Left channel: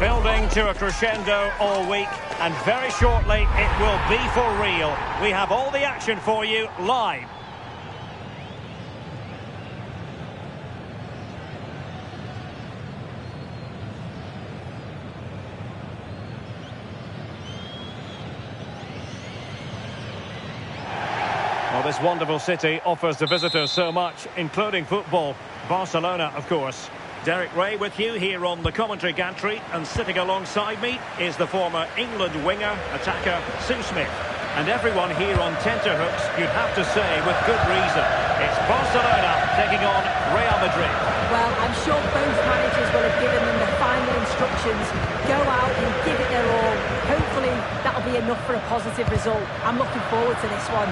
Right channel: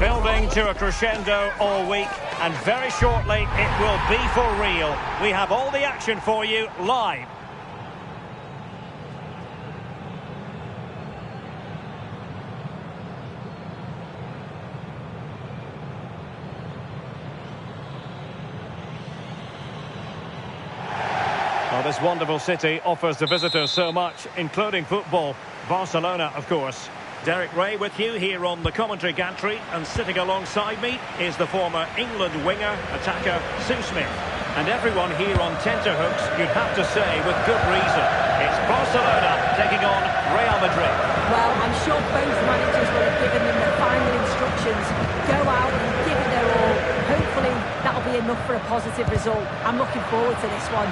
Building to a crescendo all week, and very shortly it will be for real. We have all the action for you live. Well, this wonderful city offers the visitors so much, including football. Barcelona, of course. Derek Ray with you here on the commentary gantry, and sitting alongside me is the former England winger, attacker, Sue Smith. And everyone here on tenterhooks, you'd have to say with good reason. It's Barcelona taking on Real Madrid. Well, I'm sure both managers will have given them the final instructions. Go out and give it their all. Hopefully that'll be enough for a positive result. I'm looking forward to this one.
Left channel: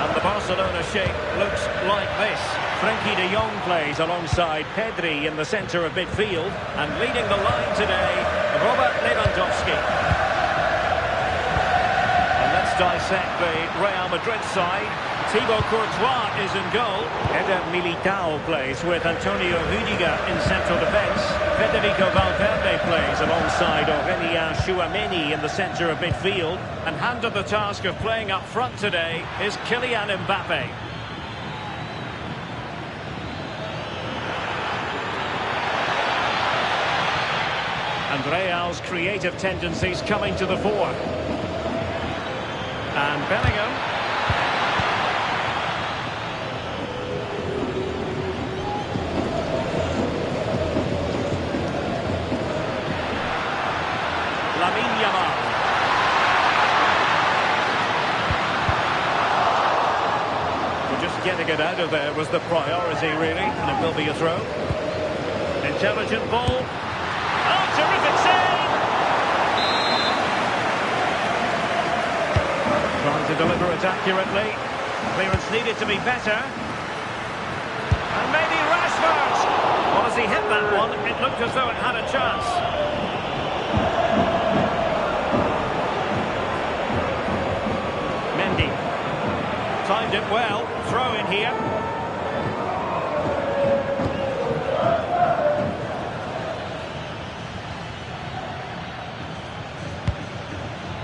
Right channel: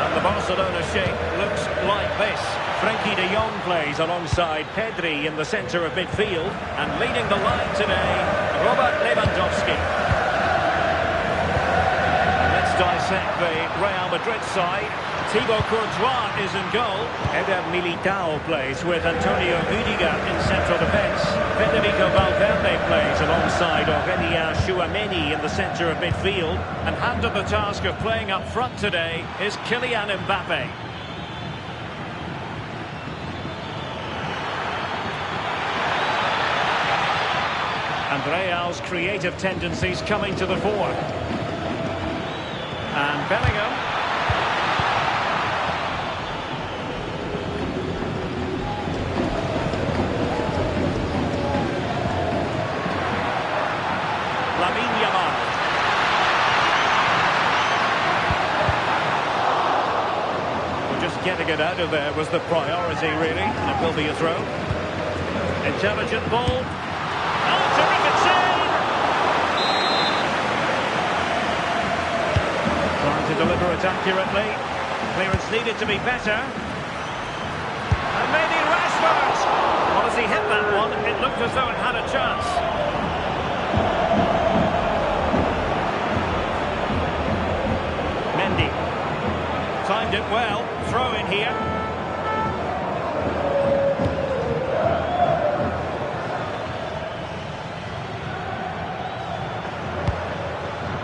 And the Barcelona shape looks like this. Frenkie de Jong plays alongside Pedri in the centre of midfield. And leading the line today, Robert Lewandowski. And let's dissect the Real Madrid side. Thibaut Courtois is in goal. Eder Militao plays with Antonio Rüdiger in central defence. Federico Valverde plays alongside Aurélien Tchouameni in the centre of midfield. And handed the task of playing up front today is Kylian Mbappe. And Real's creative tendencies coming to the fore. And Bellingham. Lamine Yamal. Well, just getting it out of there was the priority, really, and it will be a throw. Intelligent ball. Oh, terrific save! Trying to deliver it accurately. Clearance needed to be better. And maybe Rashford. Well, as he hit that one, it looked as though it had a chance. Mendy. Timed it well. Throw in here.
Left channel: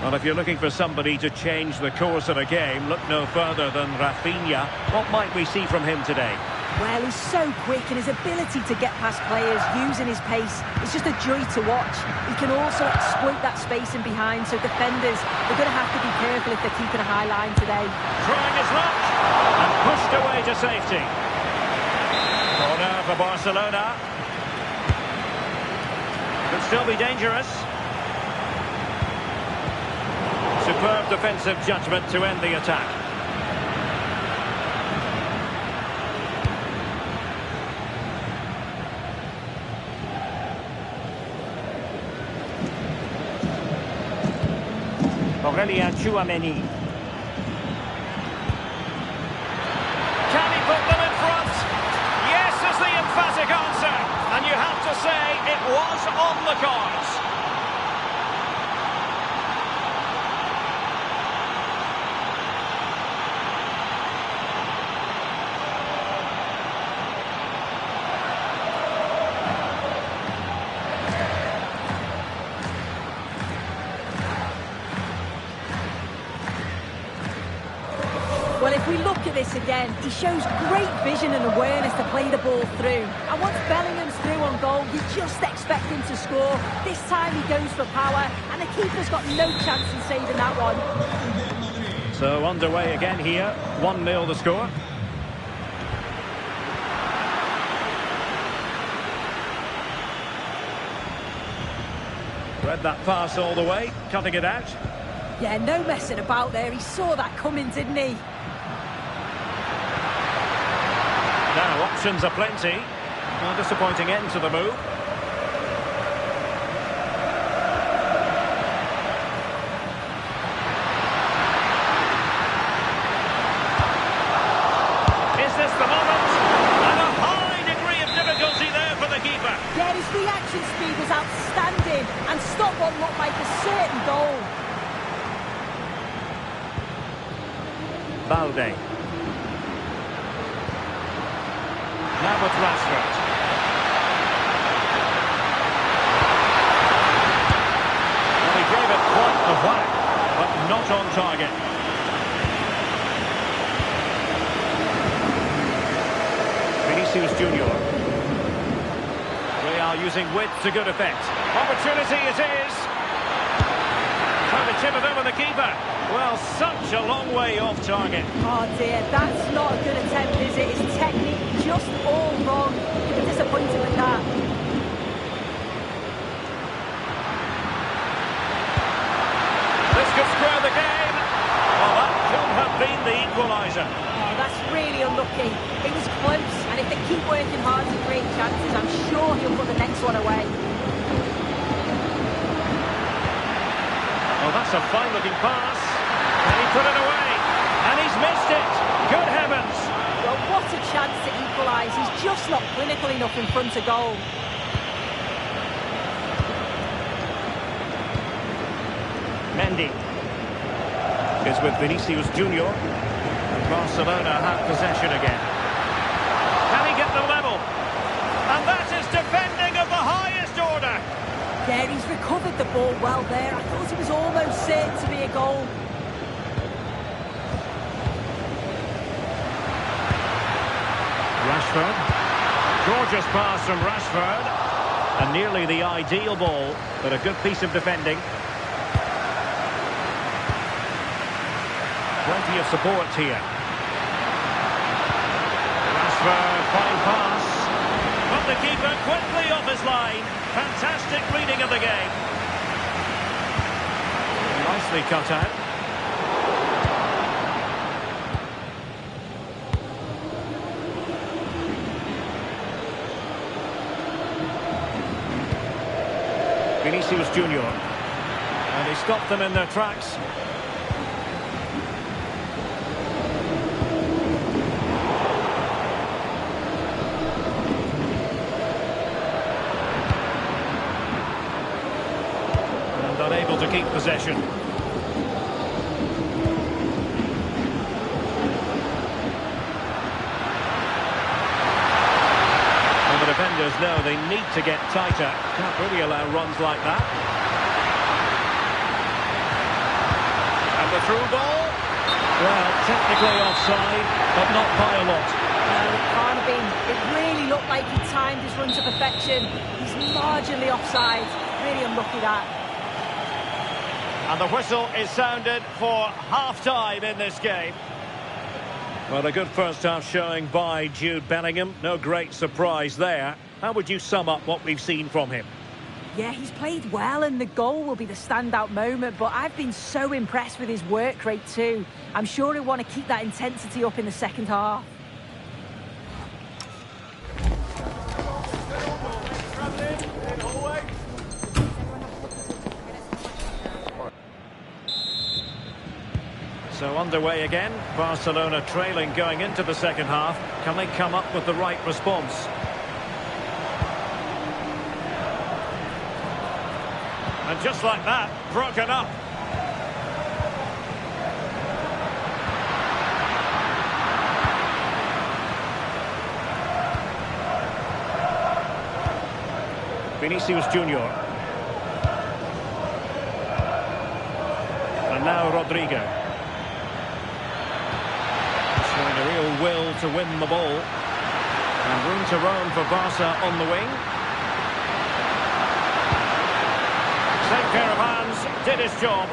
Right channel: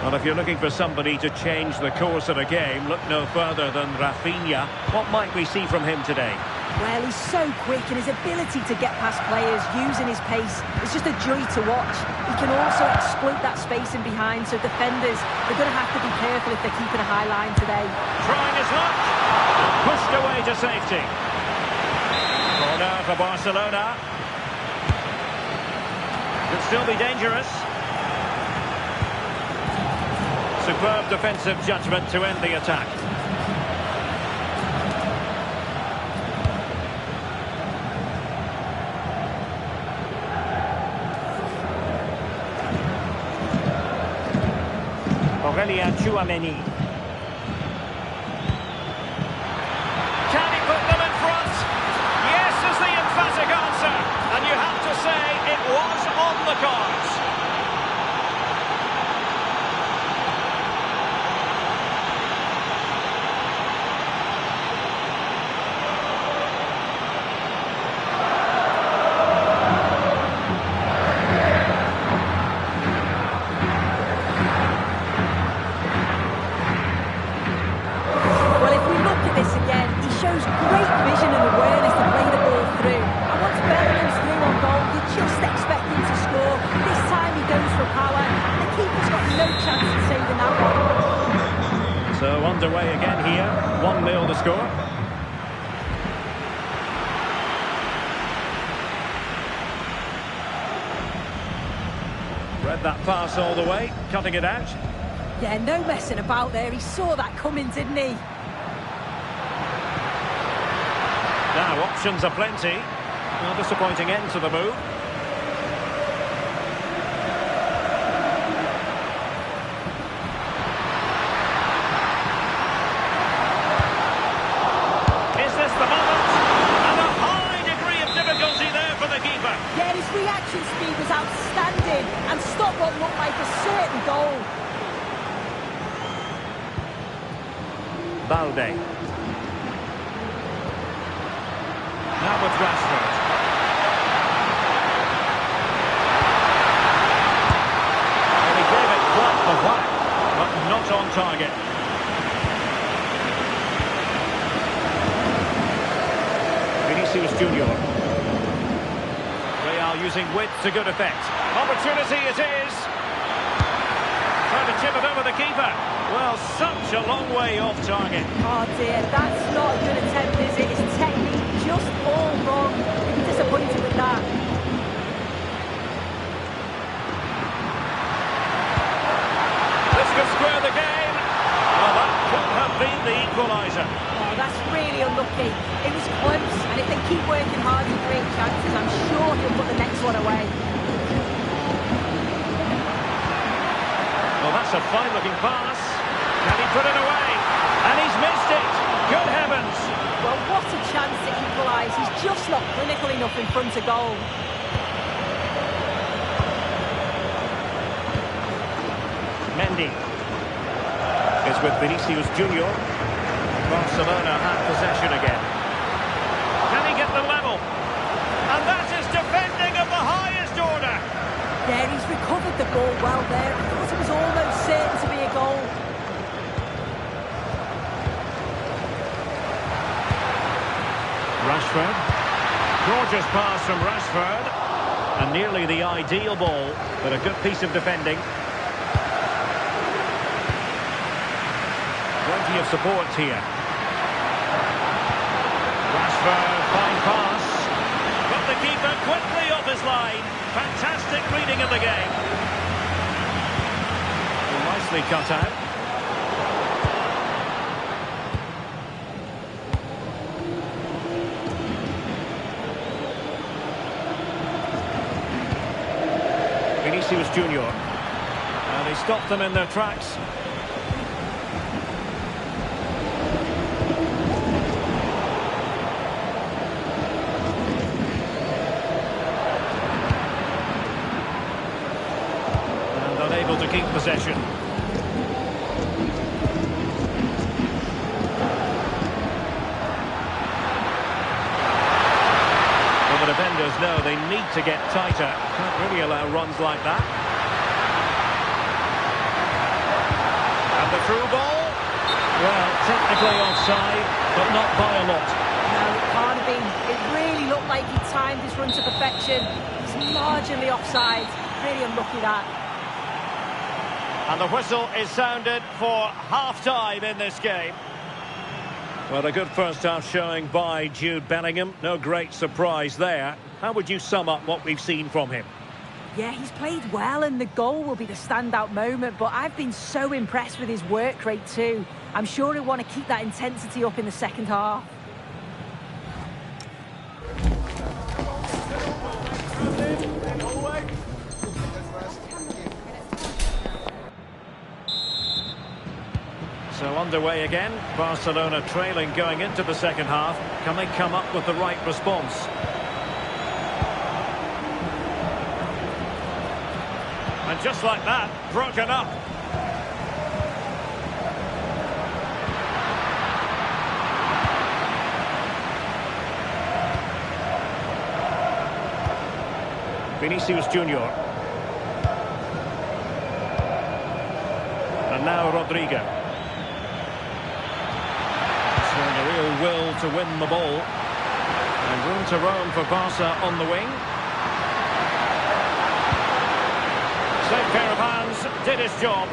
Well, if you're looking for somebody to change the course of a game, look no further than Rafinha. What might we see from him today? Well, he's so quick, and his ability to get past players using his pace is just a joy to watch. He can also exploit that space in behind, so defenders, they're going to have to be careful if they're keeping a high line today. Trying his luck, and pushed away to safety. Corner for Barcelona. Could still be dangerous. Superb defensive judgment to end the attack. Aurélien Tchouameni. Can he put them in front? Yes is the emphatic answer. And you have to say it was on the cards. Well, if we look at this again, he shows great vision and awareness to play the ball through. And once Bellingham's through on goal, you just expect him to score. This time he goes for power, and the keeper's got no chance in saving that one. So underway again here, 1-0 the score. Read that pass all the way, cutting it out. Yeah, no messing about there. He saw that coming, didn't he? Now, options are plenty. A disappointing end to the move. Is this the moment? And a high degree of difficulty there for the keeper. Yeah, his reaction speed was outstanding and stopped what looked like a certain goal. Balde. Now with Rashford. A whack, but not on target. Vinicius Junior. Real using width to good effect. Opportunity it is. Trying to chip it over the keeper. Well, such a long way off target. Oh dear, that's not a good attempt, is it? His technique just all wrong. You'd be disappointed with that. This could square the game. Well, that could have been the equaliser. Oh, that's really unlucky. It was close, and if they keep working hard to create chances, I'm sure he'll put the next one away. Oh, that's a fine-looking pass. Can he put it away? And he's missed it. Good heavens. Well, what a chance to equalise. He's just not clinical enough in front of goal. Mendy is with Vinicius Junior. And Barcelona have possession again. Can he get the level? And that is defending of the highest order. Yeah, he's recovered the ball well there. I thought it was almost certain to be a goal. Rashford. Gorgeous pass from Rashford. And nearly the ideal ball, but a good piece of defending. Plenty of support here. Rashford, fine pass. But the keeper quickly off his line. Fantastic reading of the game. Nicely cut out. Vinicius Junior. And he stopped them in their tracks. Unable to keep possession. Well, the defenders know they need to get tighter. Can't really allow runs like that. And the through ball. Well, technically offside, but not by a lot. No, it can't have been. It really looked like he timed his run to perfection. He's marginally offside. Really unlucky that. And the whistle is sounded for half-time in this game. Well, a good first-half showing by Jude Bellingham. No great surprise there. How would you sum up what we've seen from him? Yeah, he's played well, and the goal will be the standout moment, but I've been so impressed with his work rate too. I'm sure he'll want to keep that intensity up in the second half. So underway again, Barcelona trailing going into the second half. Can they come up with the right response? And just like that, broken up. Vinicius Junior. And now Rodrigo. Showing a real will to win the ball. And room to roam for Barca on the wing. Safe pair of hands, did his job.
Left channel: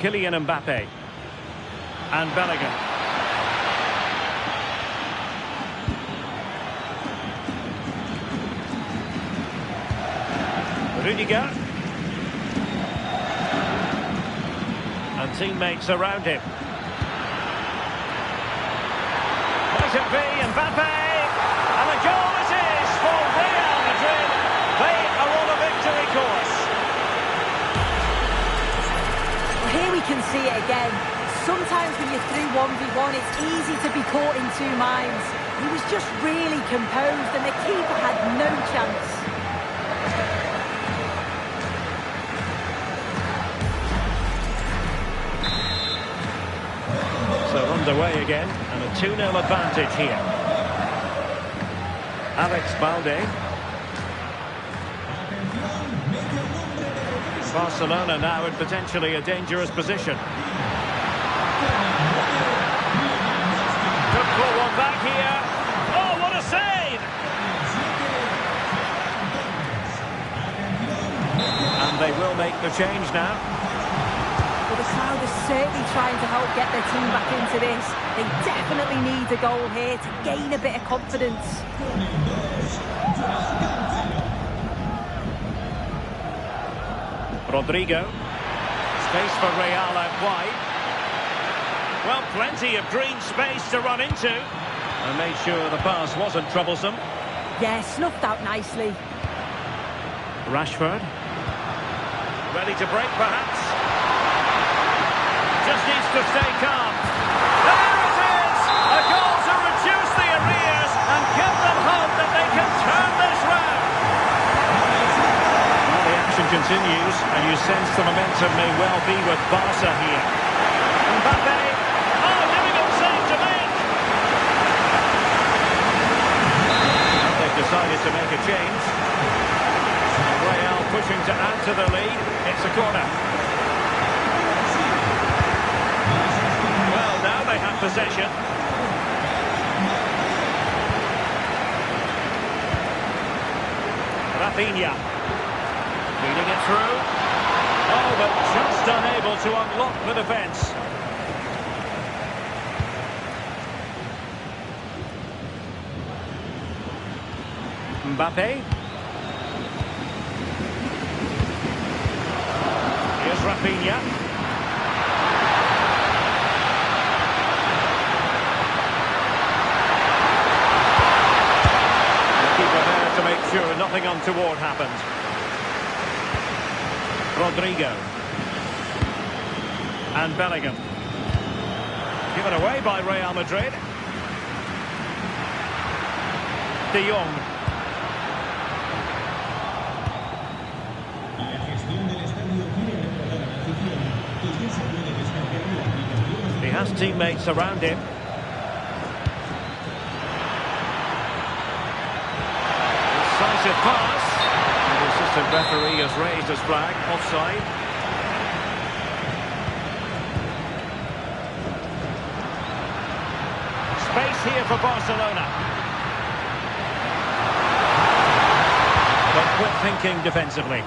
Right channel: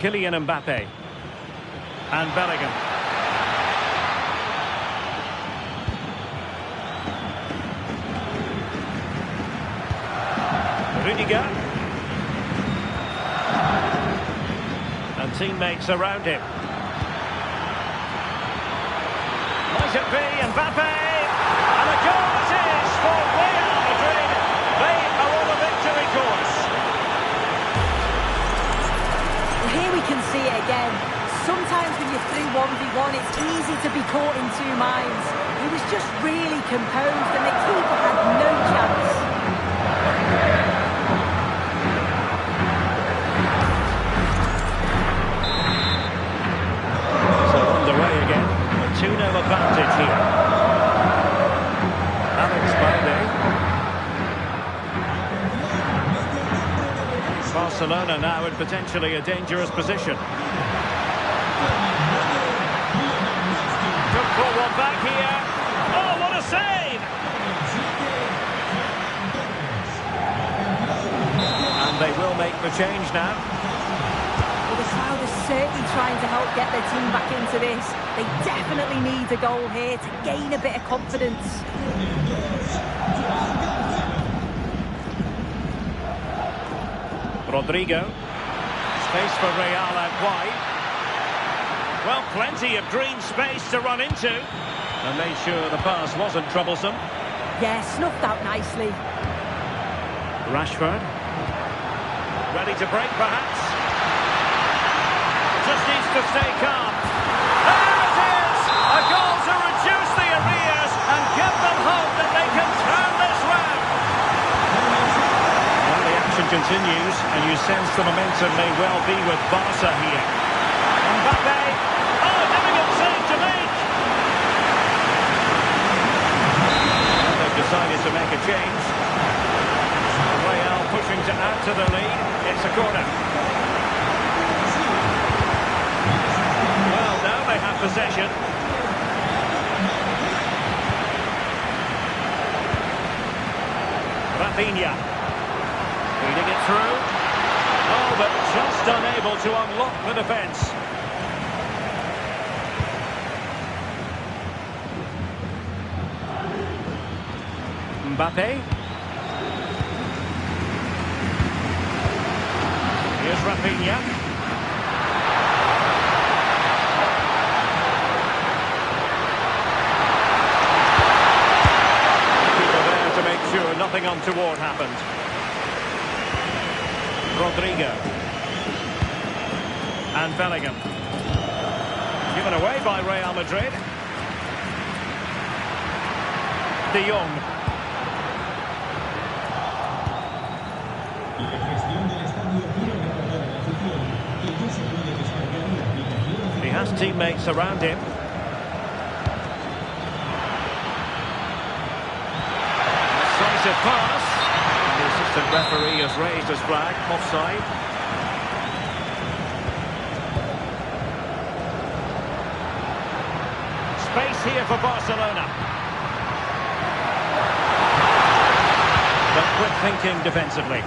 Kylian Mbappe. And Bellingham. Rudiger. And teammates around him. Might it be Mbappe? And a goal it is for Real Madrid. They are on a victory course. Well, here we can see it again. Sometimes when you're through 1v1, it's easy to be caught in two minds. He was just really composed and the keeper had no chance. So underway again, and a 2-0 advantage here. Alex Balde. Barcelona now in potentially a dangerous position. Could pull one back here. Oh, what a save! And they will make the change now. Well, the crowd is certainly trying to help get their team back into this. They definitely need a goal here to gain a bit of confidence. Rodrigo. Space for Real out wide. Well, plenty of green space to run into. And made sure the pass wasn't troublesome. Yeah, snuffed out nicely. Rashford. Ready to break, perhaps. Just needs to stay calm. There it is! A goal to reduce the arrears and give them hope that they can turn this round. Well, the action continues, and you sense the momentum may well be with Barca here. Mbappe. Oh, difficult save to make. Well, they've decided to make a change. Real pushing to add to the lead. It's a corner. Well, now they have possession. Rafinha. Feeding it through. Oh, but just unable to unlock the defence. Mbappe. Here's Rafinha. The keeper there to make sure nothing untoward happened. Rodrigo. And Bellingham. Given away by Real Madrid. De Jong. He has teammates around him. Decisive pass. And the assistant referee has raised his flag. Offside. Space here for Barcelona. But quick thinking defensively.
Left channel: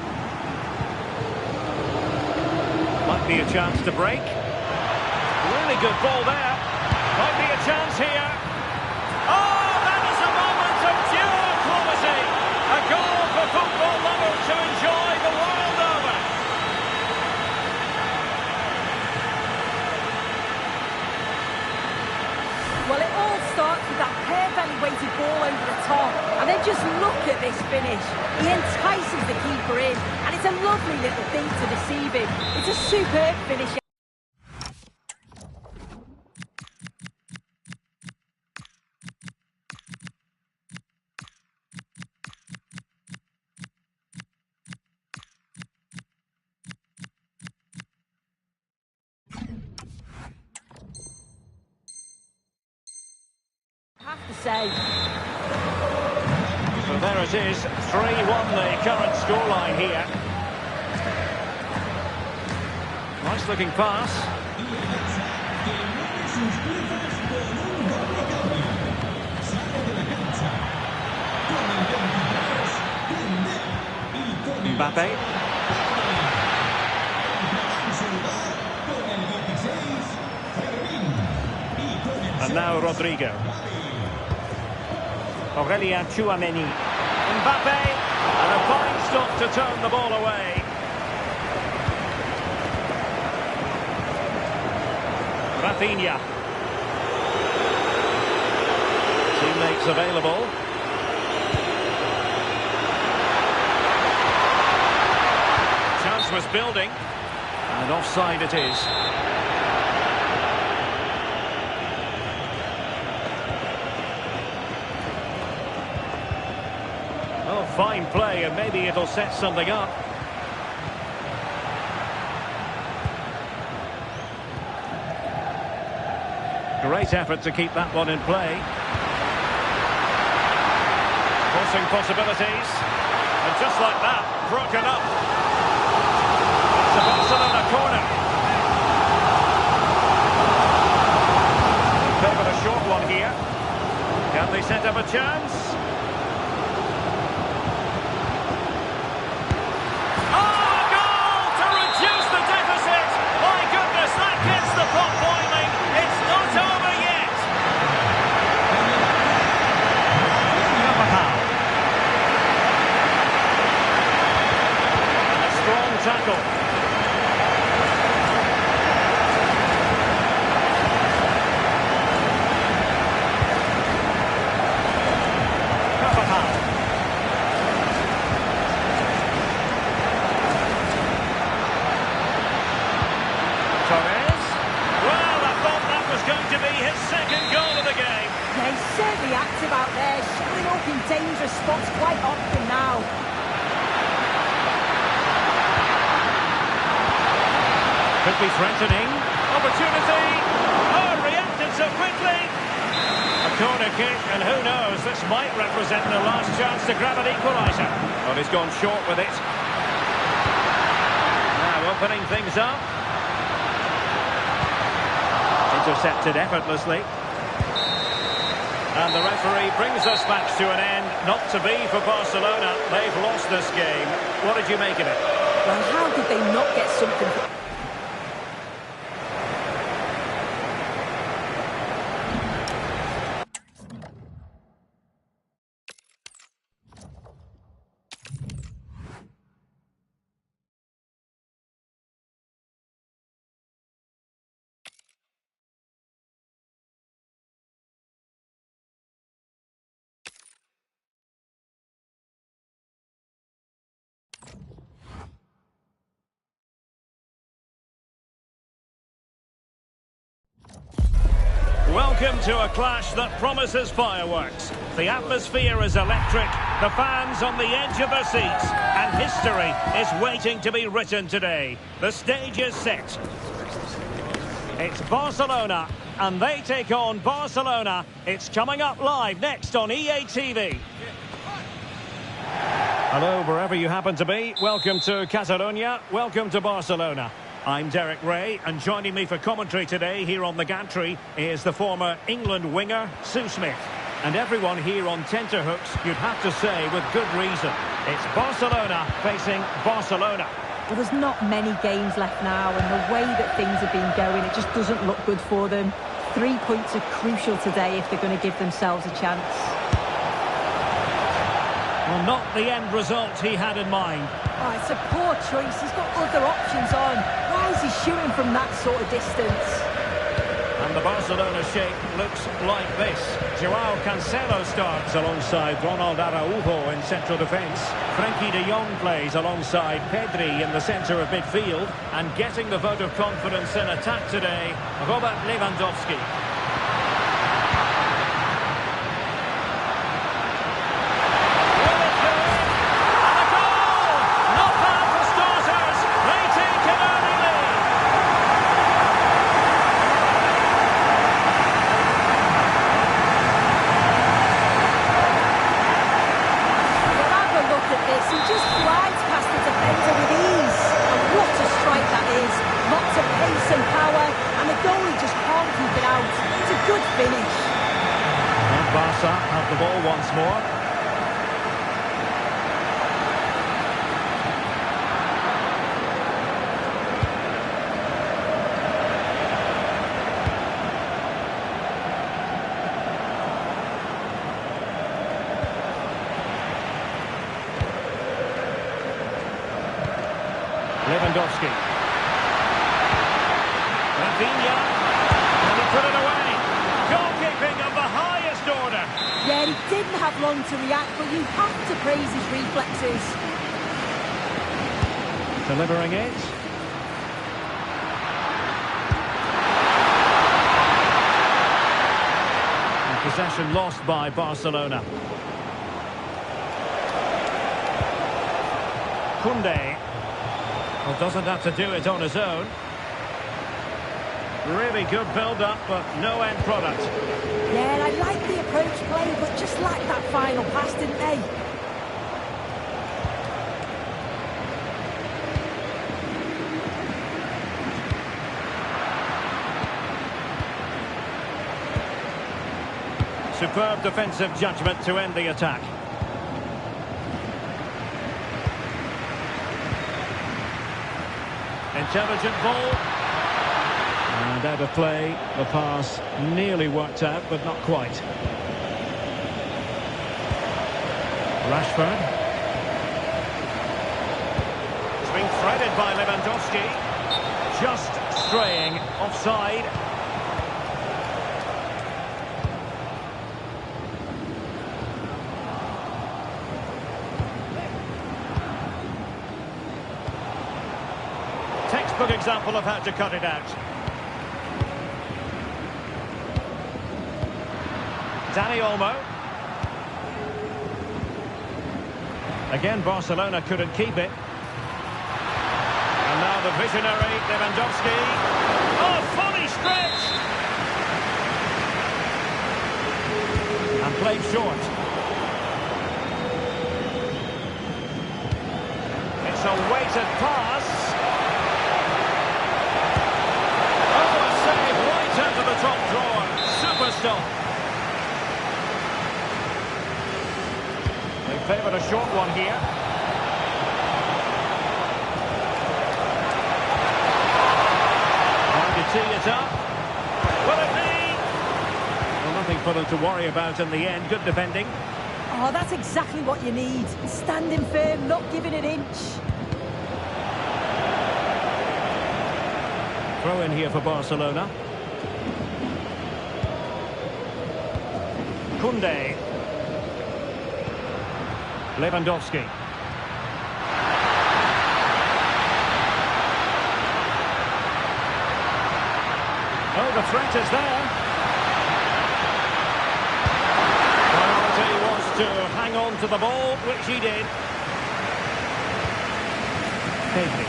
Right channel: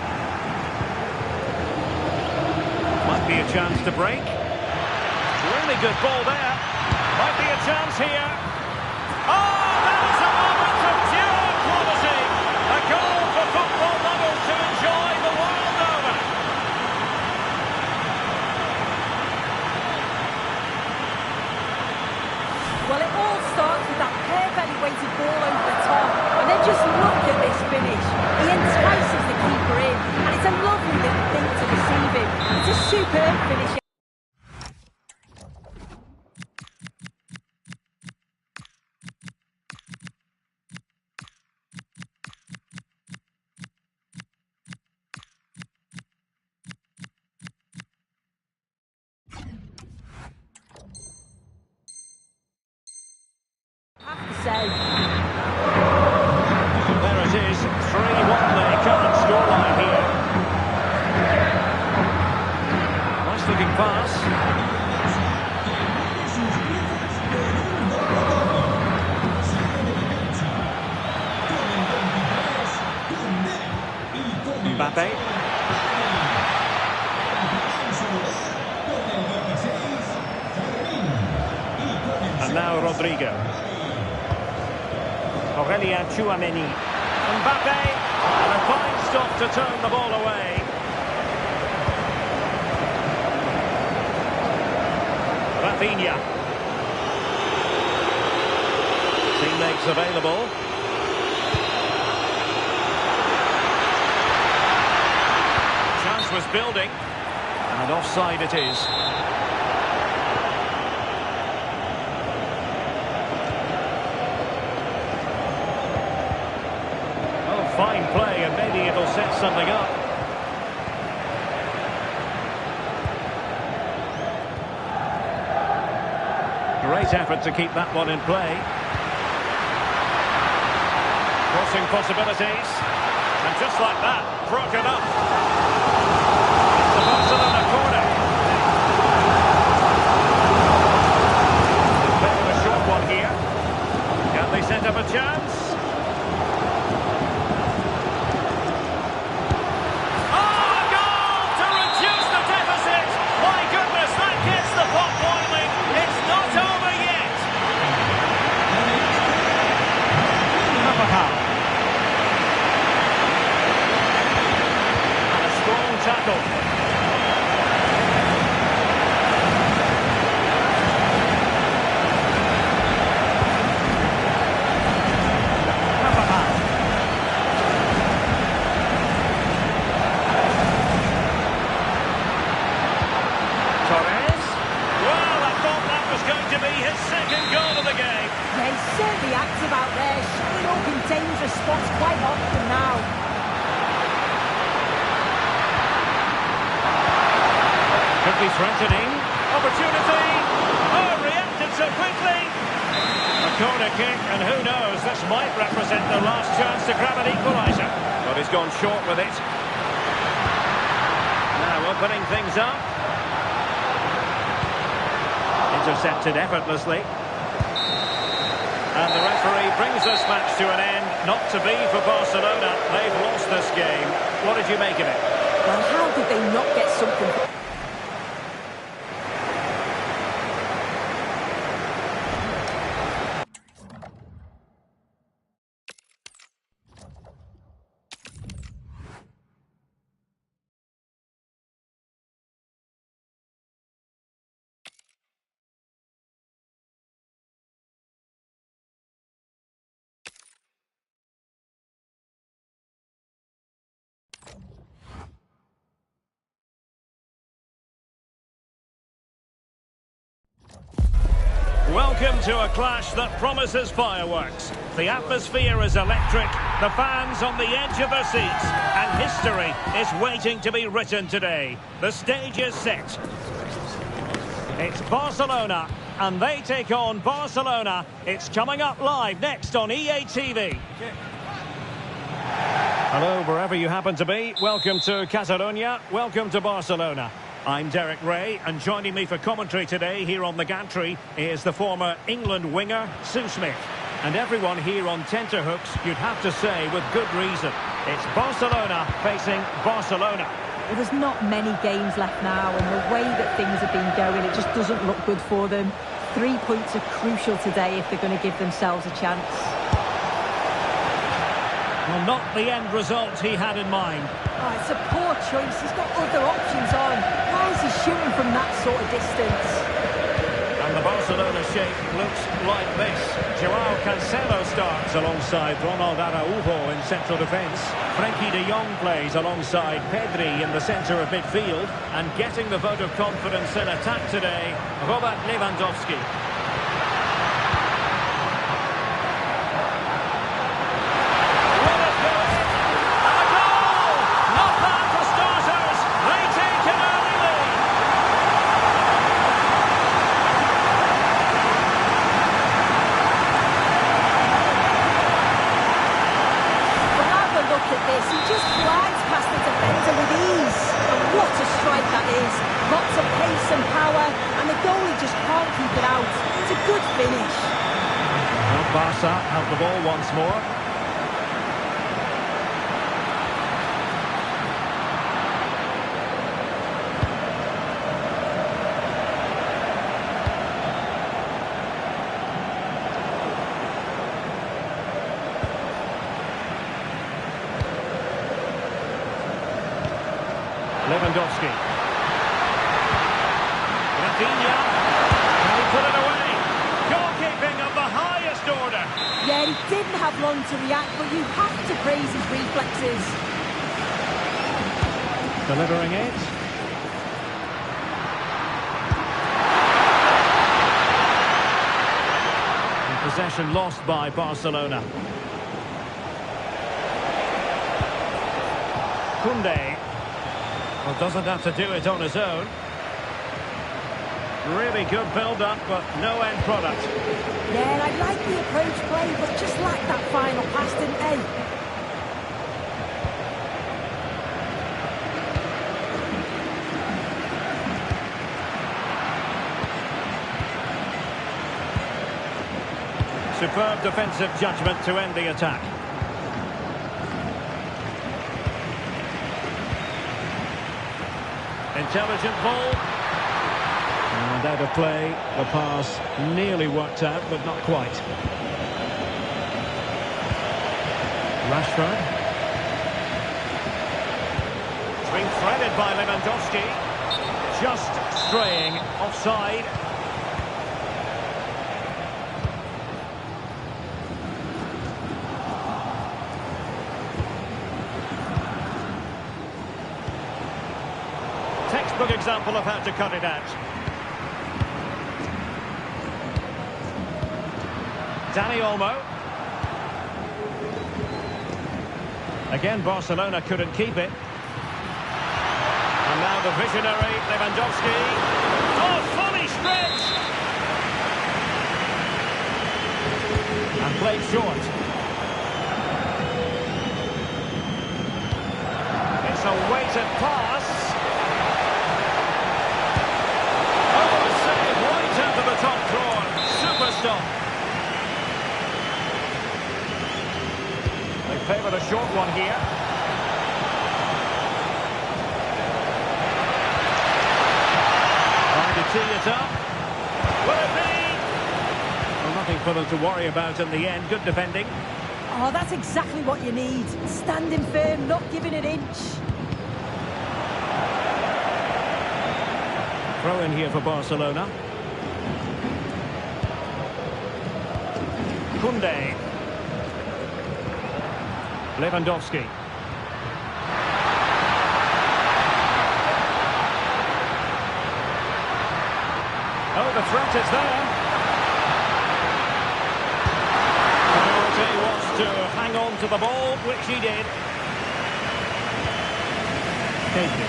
Might be a chance to break. Really good ball there. Might be a chance here. Oh, that is a moment of pure quality. A goal for football lovers to enjoy the world over. Well, it all starts with that perfectly weighted ball over the top. And then just look at this finish. He entices the keeper in. And it's a lovely little thing to deceive him. It's a superb finish. Have to say. So there it is, 3-1 the current scoreline here. Nice looking pass. Mbappe. And now Rodrigo. Aurelien Tchouameni. Mbappe. And a fine stop to turn the ball away. Rafinha. Teammates available. Chance was building. And offside it is. Oh, fine play, and maybe it'll set something up. Great effort to keep that one in play. Crossing possibilities. And just like that, broken up. a Barcelona corner. They favoured a short one here. Can they set up a chance? Oh, a goal to reduce the deficit! My goodness, that gets the pot boiling. It's not over yet. Carvajal. And a strong tackle. Carvajal. Torres. Well, I thought that was going to be his second goal of the game. Yeah, he's certainly active out there, showing up in dangerous spots quite often now. Could be threatening. Opportunity. Oh, reacted so quickly. A corner kick, and who knows, this might represent the last chance to grab an equaliser. But he's gone short with it. Now opening things up. Intercepted effortlessly. And the referee brings this match to an end. Not to be for Barcelona. They've lost this game. What did you make of it? Well, how did they not get something? Welcome to a clash that promises fireworks. The atmosphere is electric, the fans on the edge of their seats, and history is waiting to be written today. The stage is set. It's Barcelona, and they take on Barcelona. It's coming up live next on EA TV. Hello, wherever you happen to be. Welcome to Catalonia. Welcome to Barcelona. I'm Derek Ray, and joining me for commentary today here on the gantry is the former England winger, Sue Smith. And everyone here on tenterhooks, you'd have to say with good reason. It's Barcelona facing Barcelona. Well, there's not many games left now, and the way that things have been going, it just doesn't look good for them. 3 points are crucial today if they're going to give themselves a chance. Well, not the end result he had in mind. Oh, it's a poor choice. He's got other options on. Why is he shooting from that sort of distance? And the Barcelona shape looks like this. Joao Cancelo starts alongside Ronald Araujo in central defence. Frenkie de Jong plays alongside Pedri in the centre of midfield. And getting the vote of confidence in attack today, Robert Lewandowski. He just glides past the defender with ease. And what a strike that is. Lots of pace and power, and the goalie just can't keep it out. It's a good finish. Well, Barca have the ball once more. Lewandowski. Rafinha. Can he put it away? Goalkeeping of the highest order. Yeah, he didn't have long to react, but you have to praise his reflexes. Delivering it. And possession lost by Barcelona. Koundé. Well, doesn't have to do it on his own. Really good build-up, but no end product. Yeah, I like the approach play, but just lacked that final pass, didn't they? Superb defensive judgment to end the attack. Intelligent ball. And out of play. The pass nearly worked out, but not quite. Rashford. It's being threaded by Lewandowski. Just straying offside. Textbook example of how to cut it out. Dani Olmo. Again, Barcelona couldn't keep it. And now the visionary Lewandowski. Oh, fully stretched! And played short. It's a weighted pass. Oh, a save right out of the top drawer. Super stop. They favoured a short one here. Hard to tee it up. Will it be? Well, nothing for them to worry about in the end. Good defending. Oh, that's exactly what you need. Standing firm, not giving an inch. Throw in here for Barcelona. Koundé. Lewandowski. Oh, the threat is there. Priority was to hang on to the ball, which he did. Pedri.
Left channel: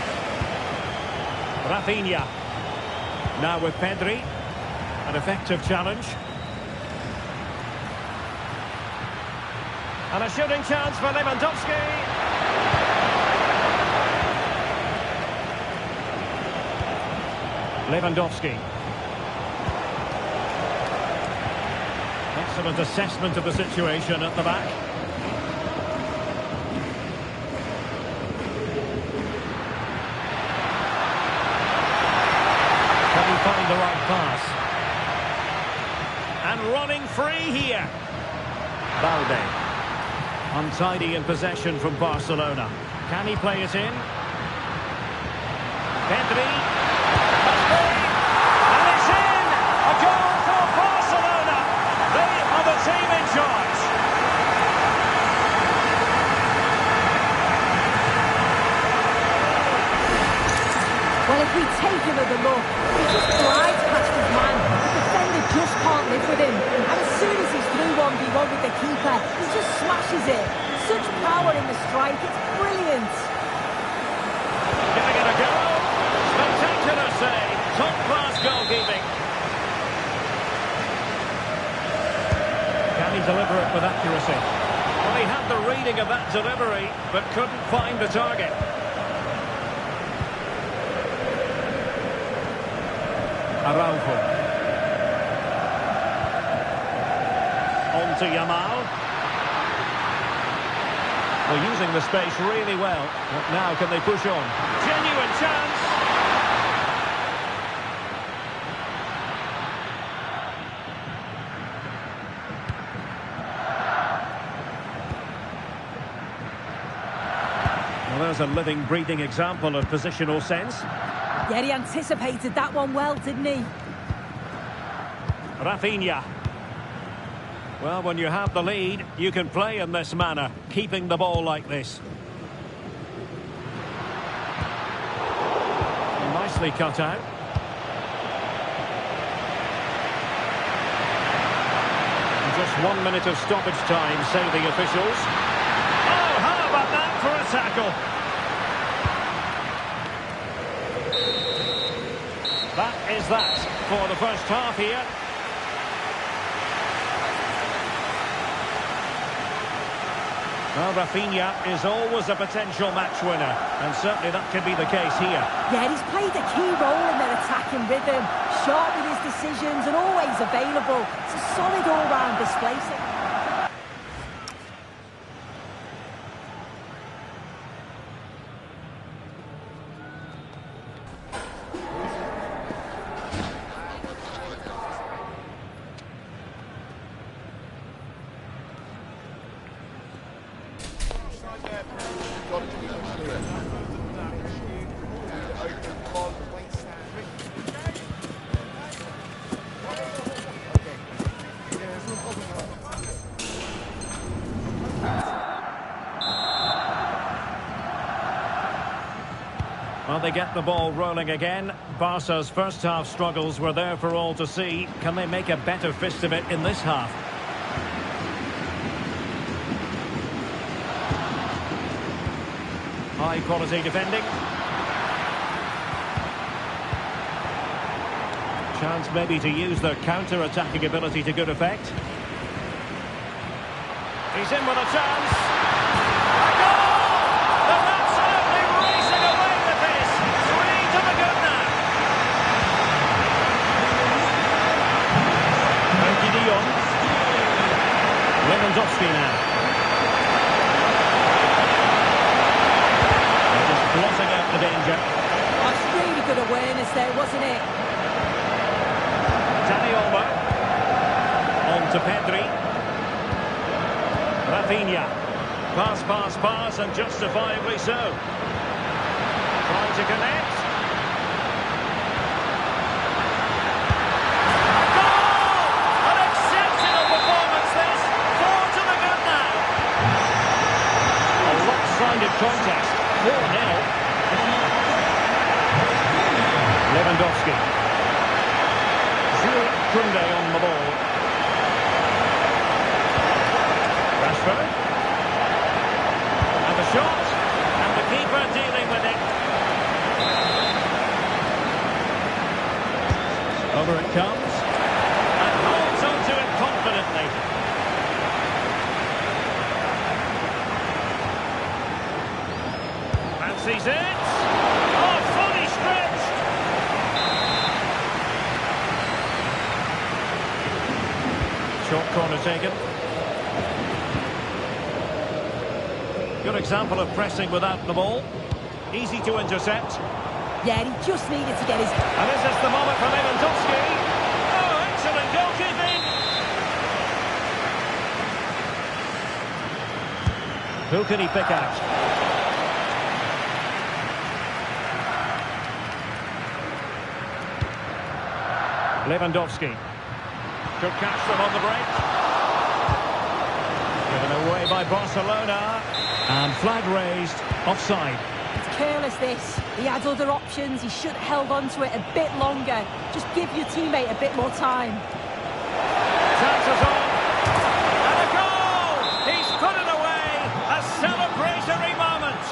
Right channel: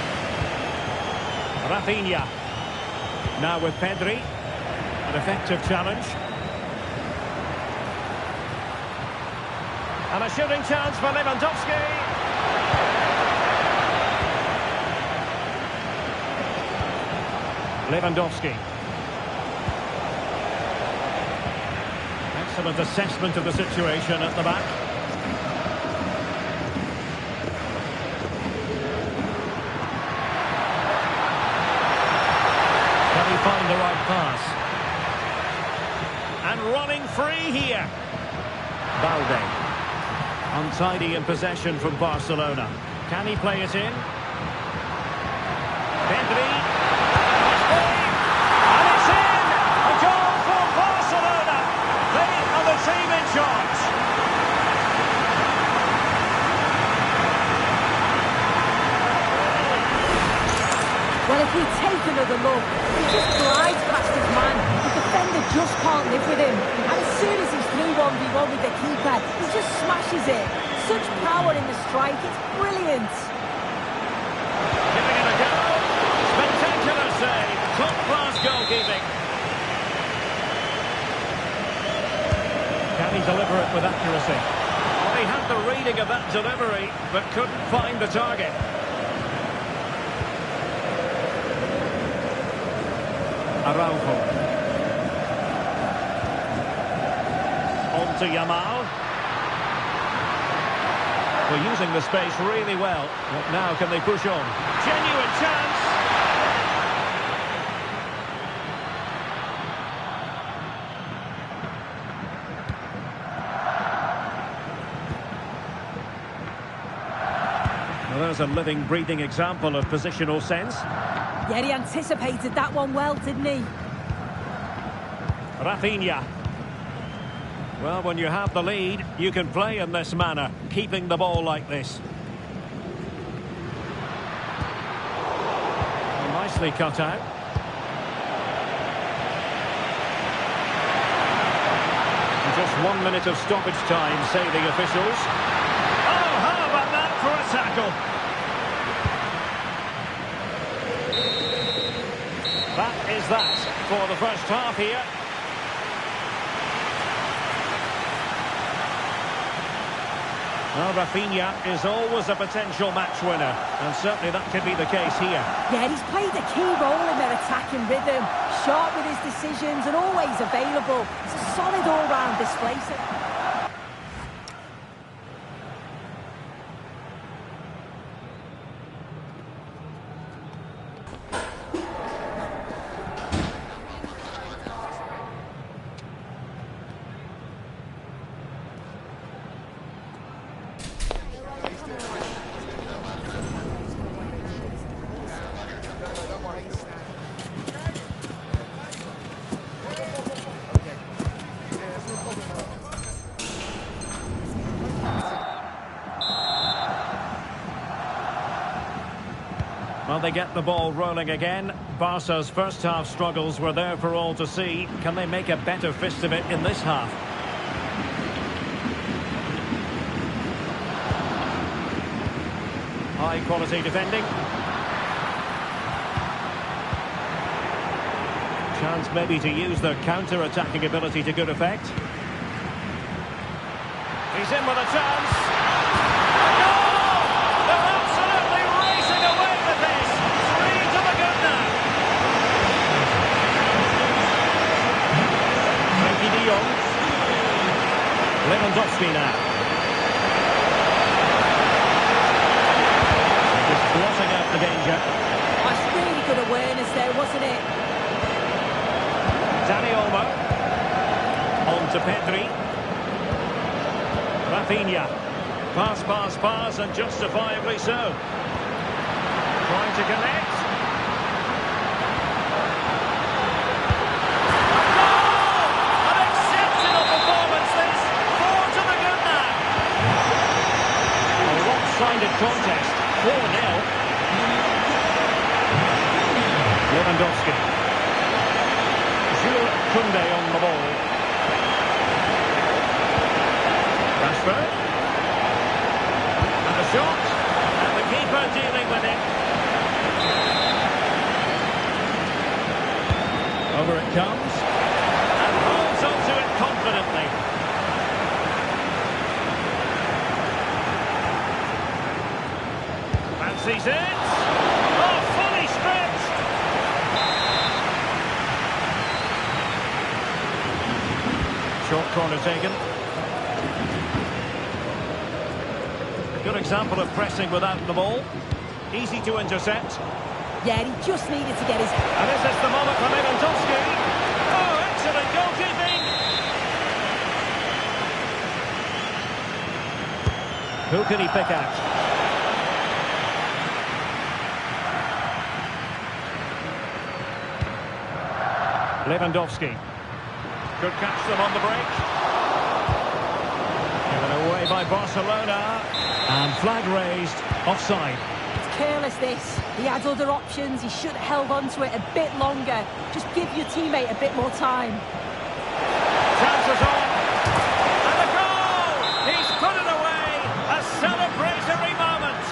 Rafinha. Now with Pedri. An effective challenge. And a shooting chance for Lewandowski. Lewandowski. Excellent assessment of the situation at the back. Can he find the right pass? And running free here. Balde. Untidy in possession from Barcelona. Can he play it in? Pedri. Must be. And it's in! A goal for Barcelona. They are the team in charge. Well, if we take another look, he just glides past his man. The defender just can't live with him. And as soon as he's through 1v1 with the keeper, he just smashes it. Such power in the strike, it's brilliant. Giving it a go. Spectacular save. Top-class goalkeeping. Can he deliver it with accuracy? Well, he had the reading of that delivery, but couldn't find the target. Araujo. On to Yamal. Well, using the space really well. But now can they push on? Genuine chance. Well, there's a living, breathing example of positional sense. Yeah, he anticipated that one well, didn't he? Rafinha. Well, when you have the lead, you can play in this manner, keeping the ball like this. Well, nicely cut out. And just 1 minute of stoppage time, say the officials. Oh, how about that for a tackle? That is that for the first half here. Well, Rafinha is always a potential match winner, and certainly that could be the case here. Yeah, he's played a key role in their attacking rhythm, sharp with his decisions and always available. It's a solid all-round display. Well, they get the ball rolling again. Barca's first half struggles were there for all to see. Can they make a better fist of it in this half? High quality defending. Chance maybe to use their counter-attacking ability to good effect. He's in with a chance. A goal! They're absolutely racing away with this. 3 to the good now. Frankie de Jong. Lewandowski now. They're just blotting out the danger. Oh, it's really good awareness there, wasn't it? Dani Olmo. On to Pedri. Rafinha. Pass, pass, pass, and justifiably so. Trying to connect. A goal! An exceptional performance this. 4 to the good now. A lopsided contest. 4-0. Lewandowski. Jules Koundé on the ball. Rashford. And the shot. And the keeper dealing with it. Over it comes. And holds onto it confidently. Fancies it. Oh, fully stretched. Short corner taken. Good example of pressing without the ball. Easy to intercept. Yeah, he just needed to get his... And this is the moment for Lewandowski. Oh, excellent goalkeeping. Who can he pick out? Lewandowski. Could catch them on the break. Given away by Barcelona. And flag raised. Offside. It's careless, this. He had other options. He should have held on to it a bit longer. Just give your teammate a bit more time. Chances on. And a goal! He's put it away. A celebratory moment.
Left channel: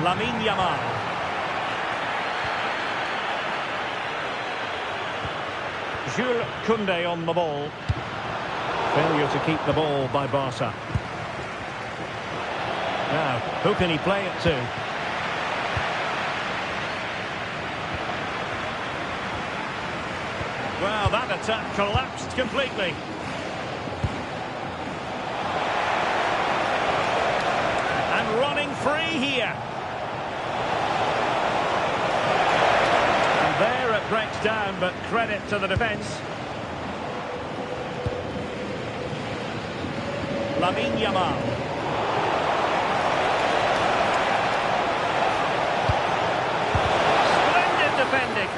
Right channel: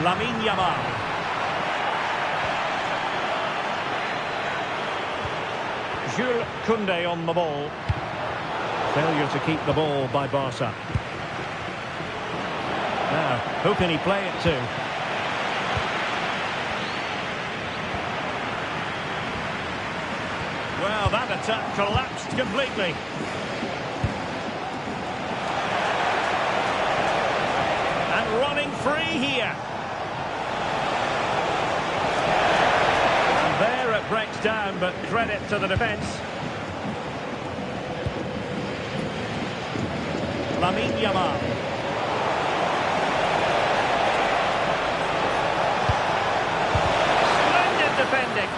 Lamine Yamal. Jules Koundé on the ball. Failure to keep the ball by Barca. Now, who can he play it to? Well, that attack collapsed completely. And running free here. And there it breaks down, but credit to the defence. Lamine Yamal. Splendid defending.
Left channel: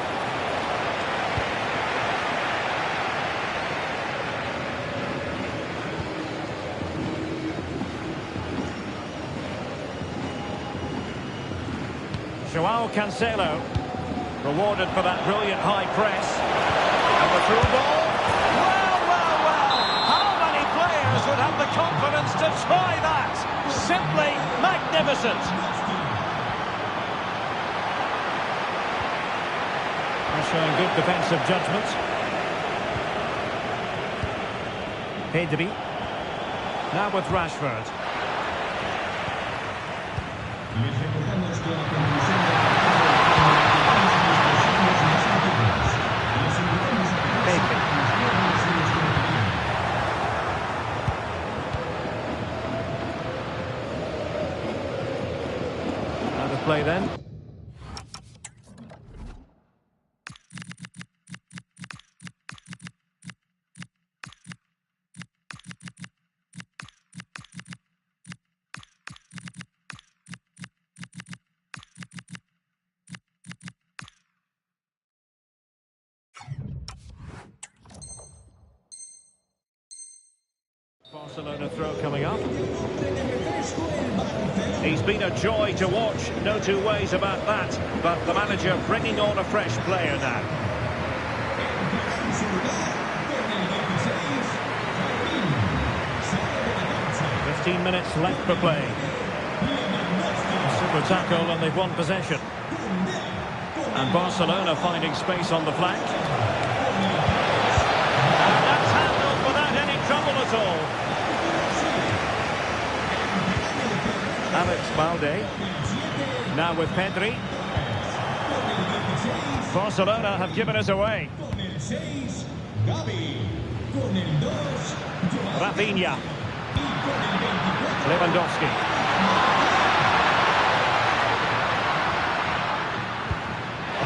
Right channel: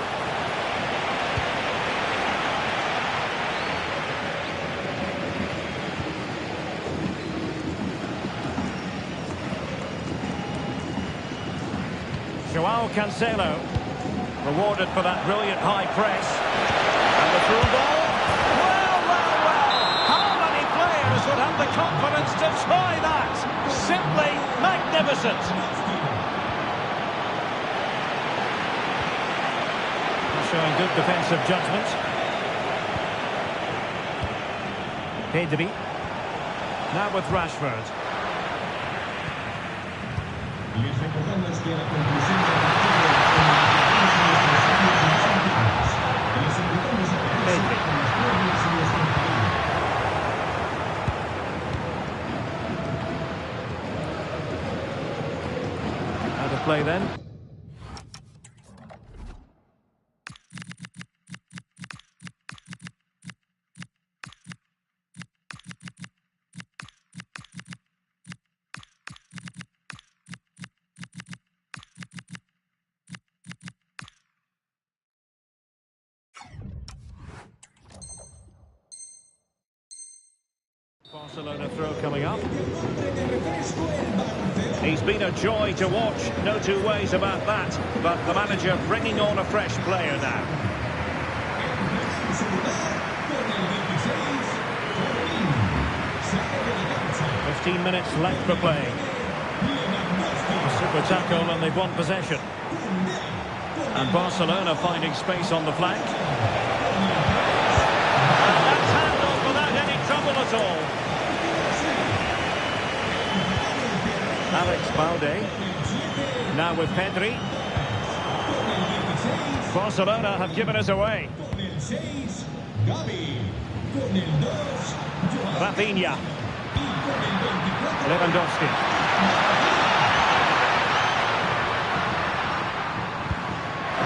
Joao Cancelo, rewarded for that brilliant high press. And the through ball. Well, well, well. How many players would have the confidence to try that? Simply magnificent. They're showing good defensive judgment. Pedri. Now with Rashford. Les recordamos que a la conclusión del partido comunicamos a nuestros socios más antiguos. Les invitamos a quedarse con los juegos y nuestro cariño. Out of play then. Barcelona throw coming up. He's been a joy to watch, no two ways about that. But the manager bringing on a fresh player now. 15 minutes left for play. Super tackle and they've won possession. And Barcelona finding space on the flank. And that's handled without any trouble at all. Alex Balde. Now with Pedri. Barcelona have given us away. Rafinha. Lewandowski.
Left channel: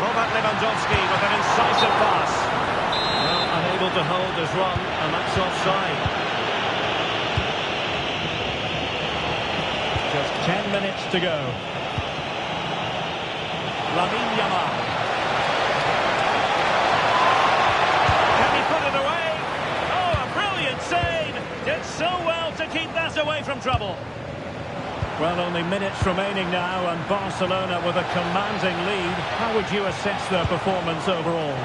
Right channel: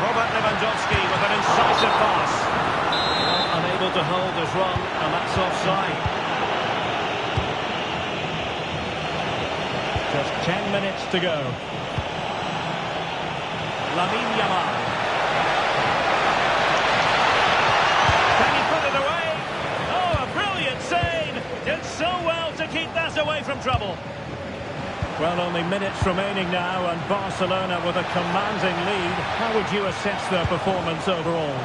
Robert Lewandowski with an incisive pass. Well, unable to hold his run, and that's offside. Just 10 minutes to go. Lamine Yamal. Can he put it away? Oh, a brilliant save! Did so well to keep that away from trouble. Well, only minutes remaining now, and Barcelona with a commanding lead. How would you assess their performance overall?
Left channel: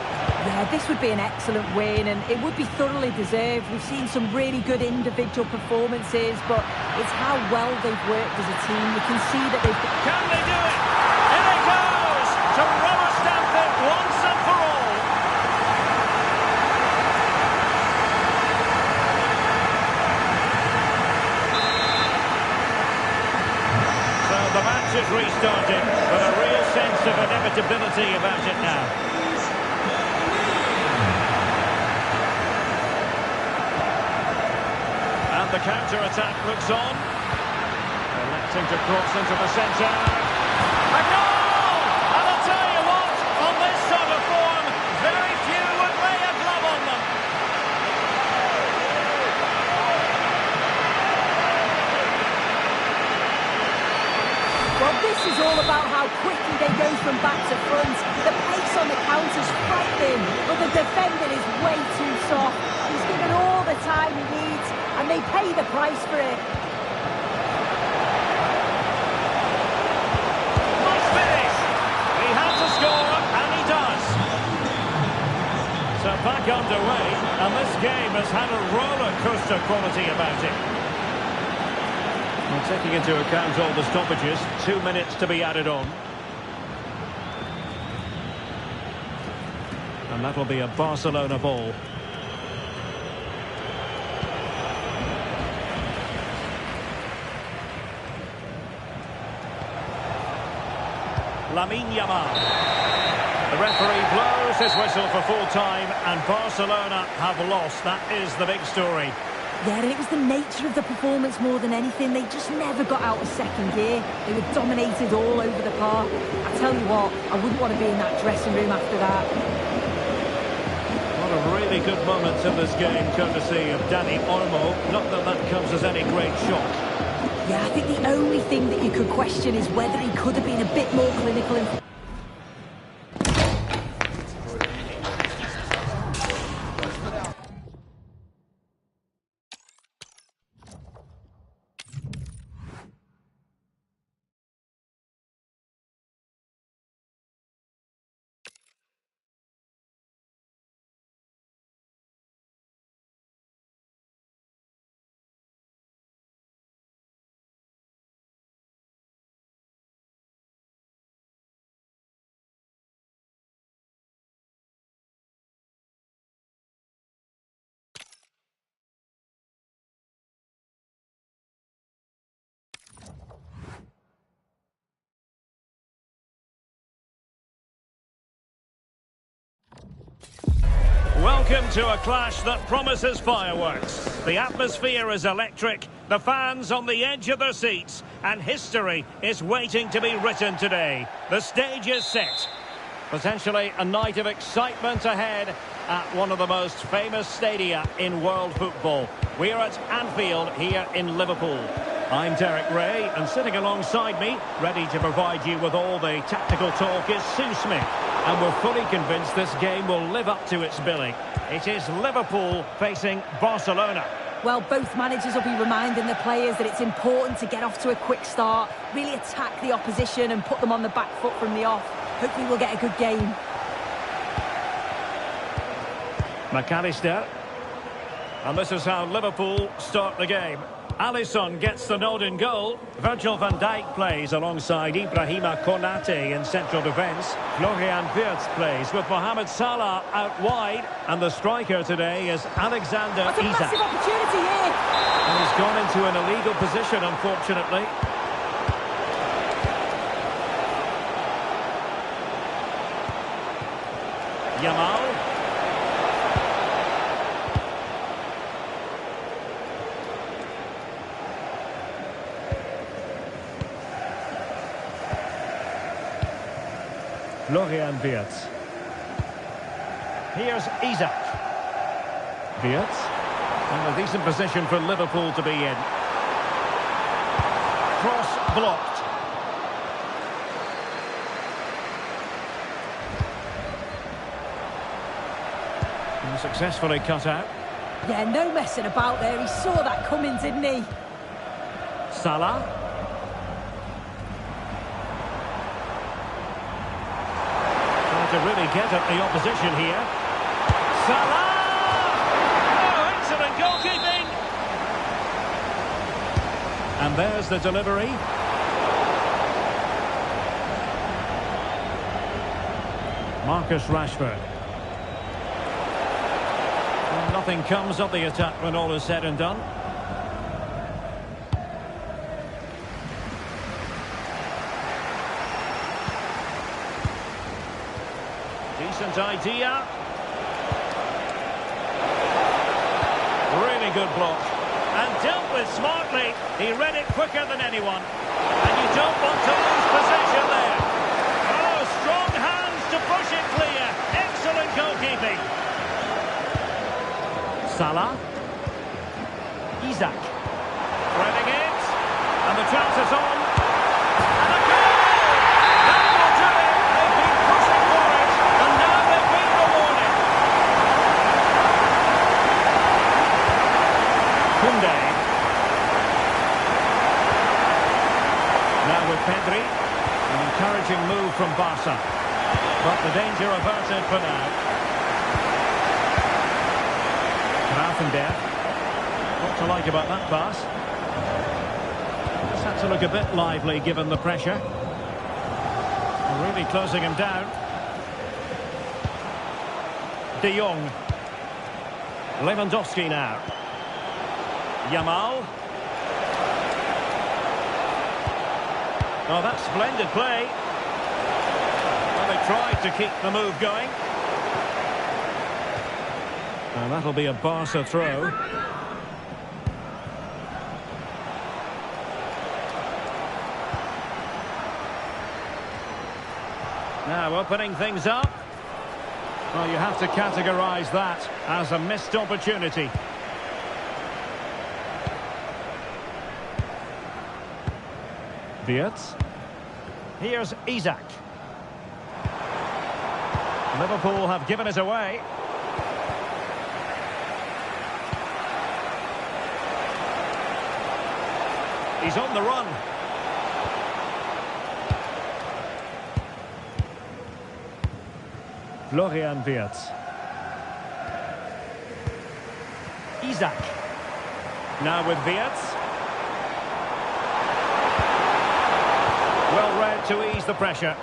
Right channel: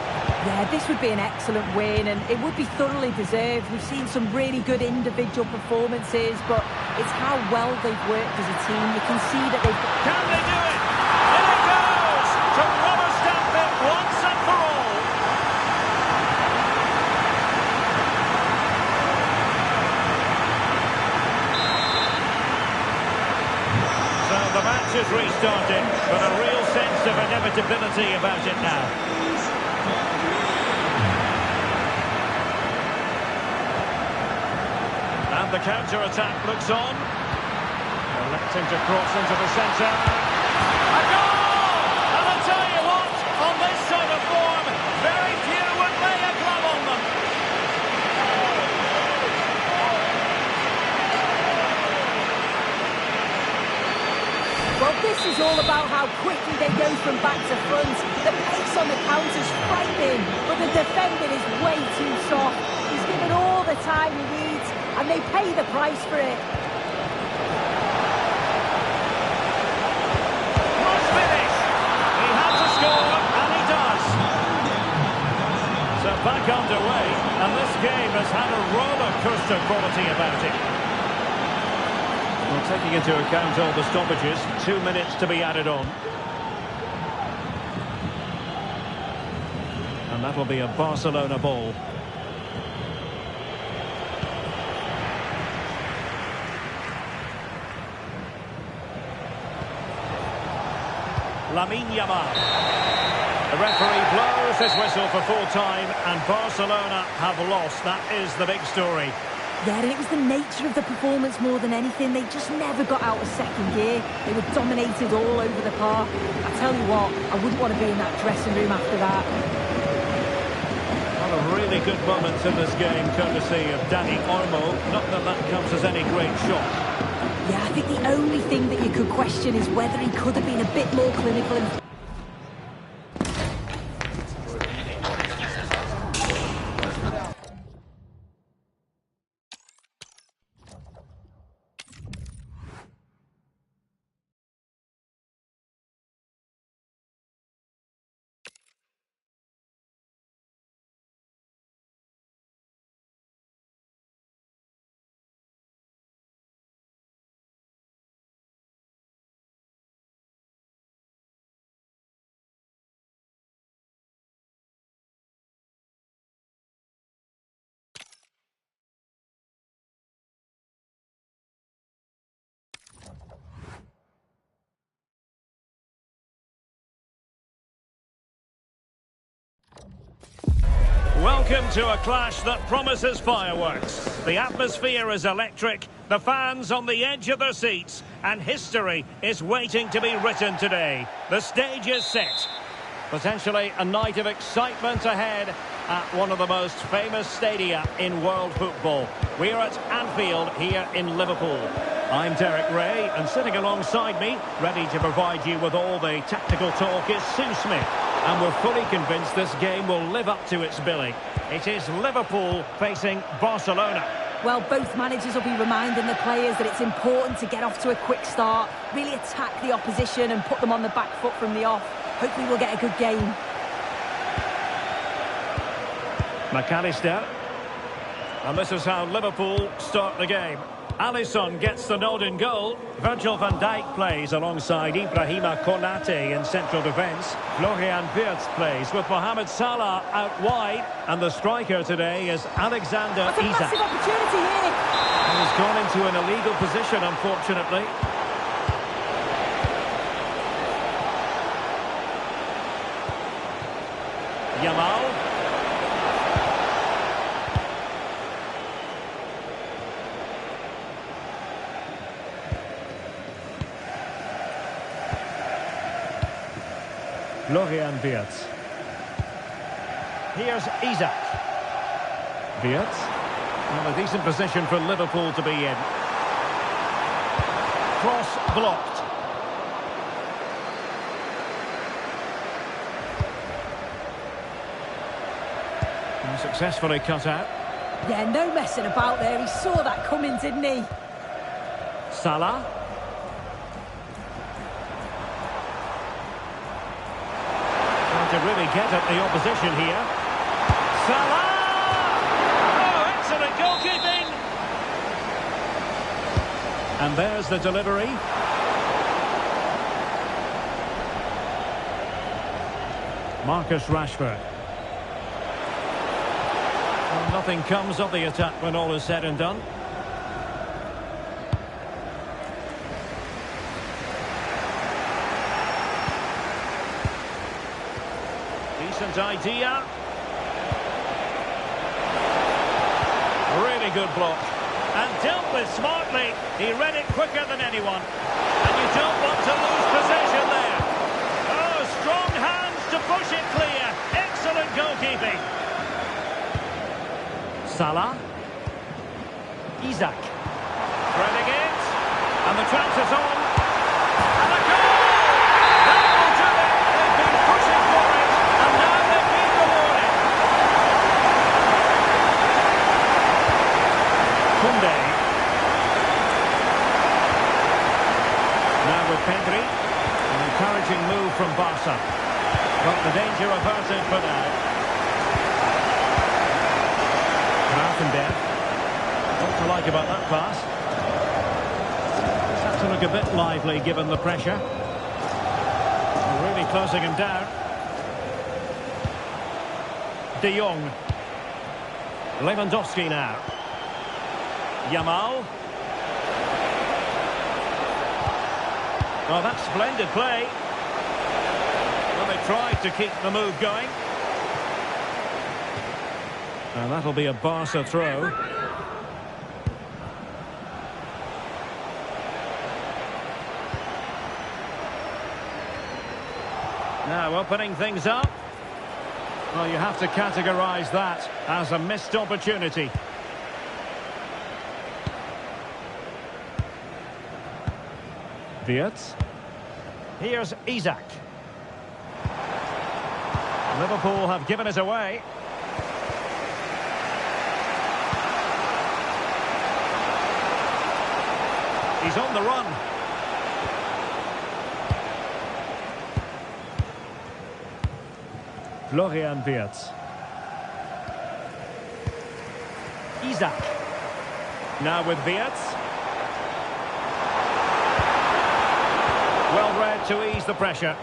Yeah, this would be an excellent win, and it would be thoroughly deserved. We've seen some really good individual performances, but it's how well they've worked as a team. You can see that they've... Can they do it? In it goes! To rubber stamp it once and for all. So the match has restarted, but a real sense of inevitability about it now. And the counter-attack looks on. Electing to cross into the centre. A goal! And I'll tell you what, on this sort of form, very few would lay a glove on them. Well, this is all about how quickly they go from back to front. The pace on the counter's frightening, but the defending is way too soft. He's given all the time he needs, and they pay the price for it. Must finish! He had to score, and he does. So back underway, and this game has had a roller coaster quality about it. Well, taking into account all the stoppages, 2 minutes to be added on. And that'll be a Barcelona ball. Lamine Yamal. The referee blows his whistle for full time, and Barcelona have lost. That is the big story. Yeah, and it was the nature of the performance more than anything. They just never got out of second gear. They were dominated all over the park. I tell you what, I wouldn't want to be in that dressing room after that. A lot of really good moments in this game, courtesy of Dani Olmo. Not that that comes as any great shock. Yeah, I think the only thing that you could question is whether he could have been a bit more clinical in... Welcome to a clash that promises fireworks. The atmosphere is electric, the fans on the edge of their seats, and history is waiting to be written today. The stage is set. Potentially a night of excitement ahead at one of the most famous stadia in world football. We're at Anfield here in Liverpool. I'm Derek Ray, and sitting alongside me, ready to provide you with all the tactical talk, is Sue Smith. And we're fully convinced this game will live up to its billing. It is Liverpool facing Barcelona. Well, both managers will be reminding the players that it's important to get off to a quick start, really attack the opposition and put them on the back foot from the off. Hopefully we'll get a good game. McAllister. And this is how Liverpool start the game. Alisson gets the nod in goal. Virgil van Dijk plays alongside Ibrahima Konate in central defence. Florian Wirtz plays with Mohamed Salah out wide. And the striker today is Alexander That's a Isak. massive opportunity here. And he's gone into an illegal position, unfortunately. Yamal. Florian Wirtz. Here's Isak. Wirtz. And a decent position for Liverpool to be in. Cross blocked. And successfully cut out. Yeah, no messing about there. He saw that coming, didn't he? Salah. To really get at the opposition here. Salah! Oh, excellent goalkeeping! And there's the delivery. Marcus Rashford. Well, nothing comes of the attack when all is said and done. Decent idea. Really good block. And dealt with smartly. He read it quicker than anyone. And you don't want to lose possession there. Oh, strong hands to push it clear. Excellent goalkeeping. Salah. Isak. Threading it. And the chance is on. And a goal! That will do it. They've been pushing for it. And now they've been rewarded. Koundé. Now with Pedri. An encouraging move from Barca. But the danger averted for now. Grafenberg. What to like about that pass? Just had to look a bit lively given the pressure. Really closing him down. De Jong. Lewandowski now. Yamal. Oh, that's splendid play. Well, they tried to keep the move going. And that'll be a Barca throw. Now opening things up. Well, you have to categorise that as a missed opportunity. Wirtz. Here's Isak. Liverpool have given it away. He's on the run. Florian Wirtz. Isak. Now with Wirtz. Well read to ease the pressure.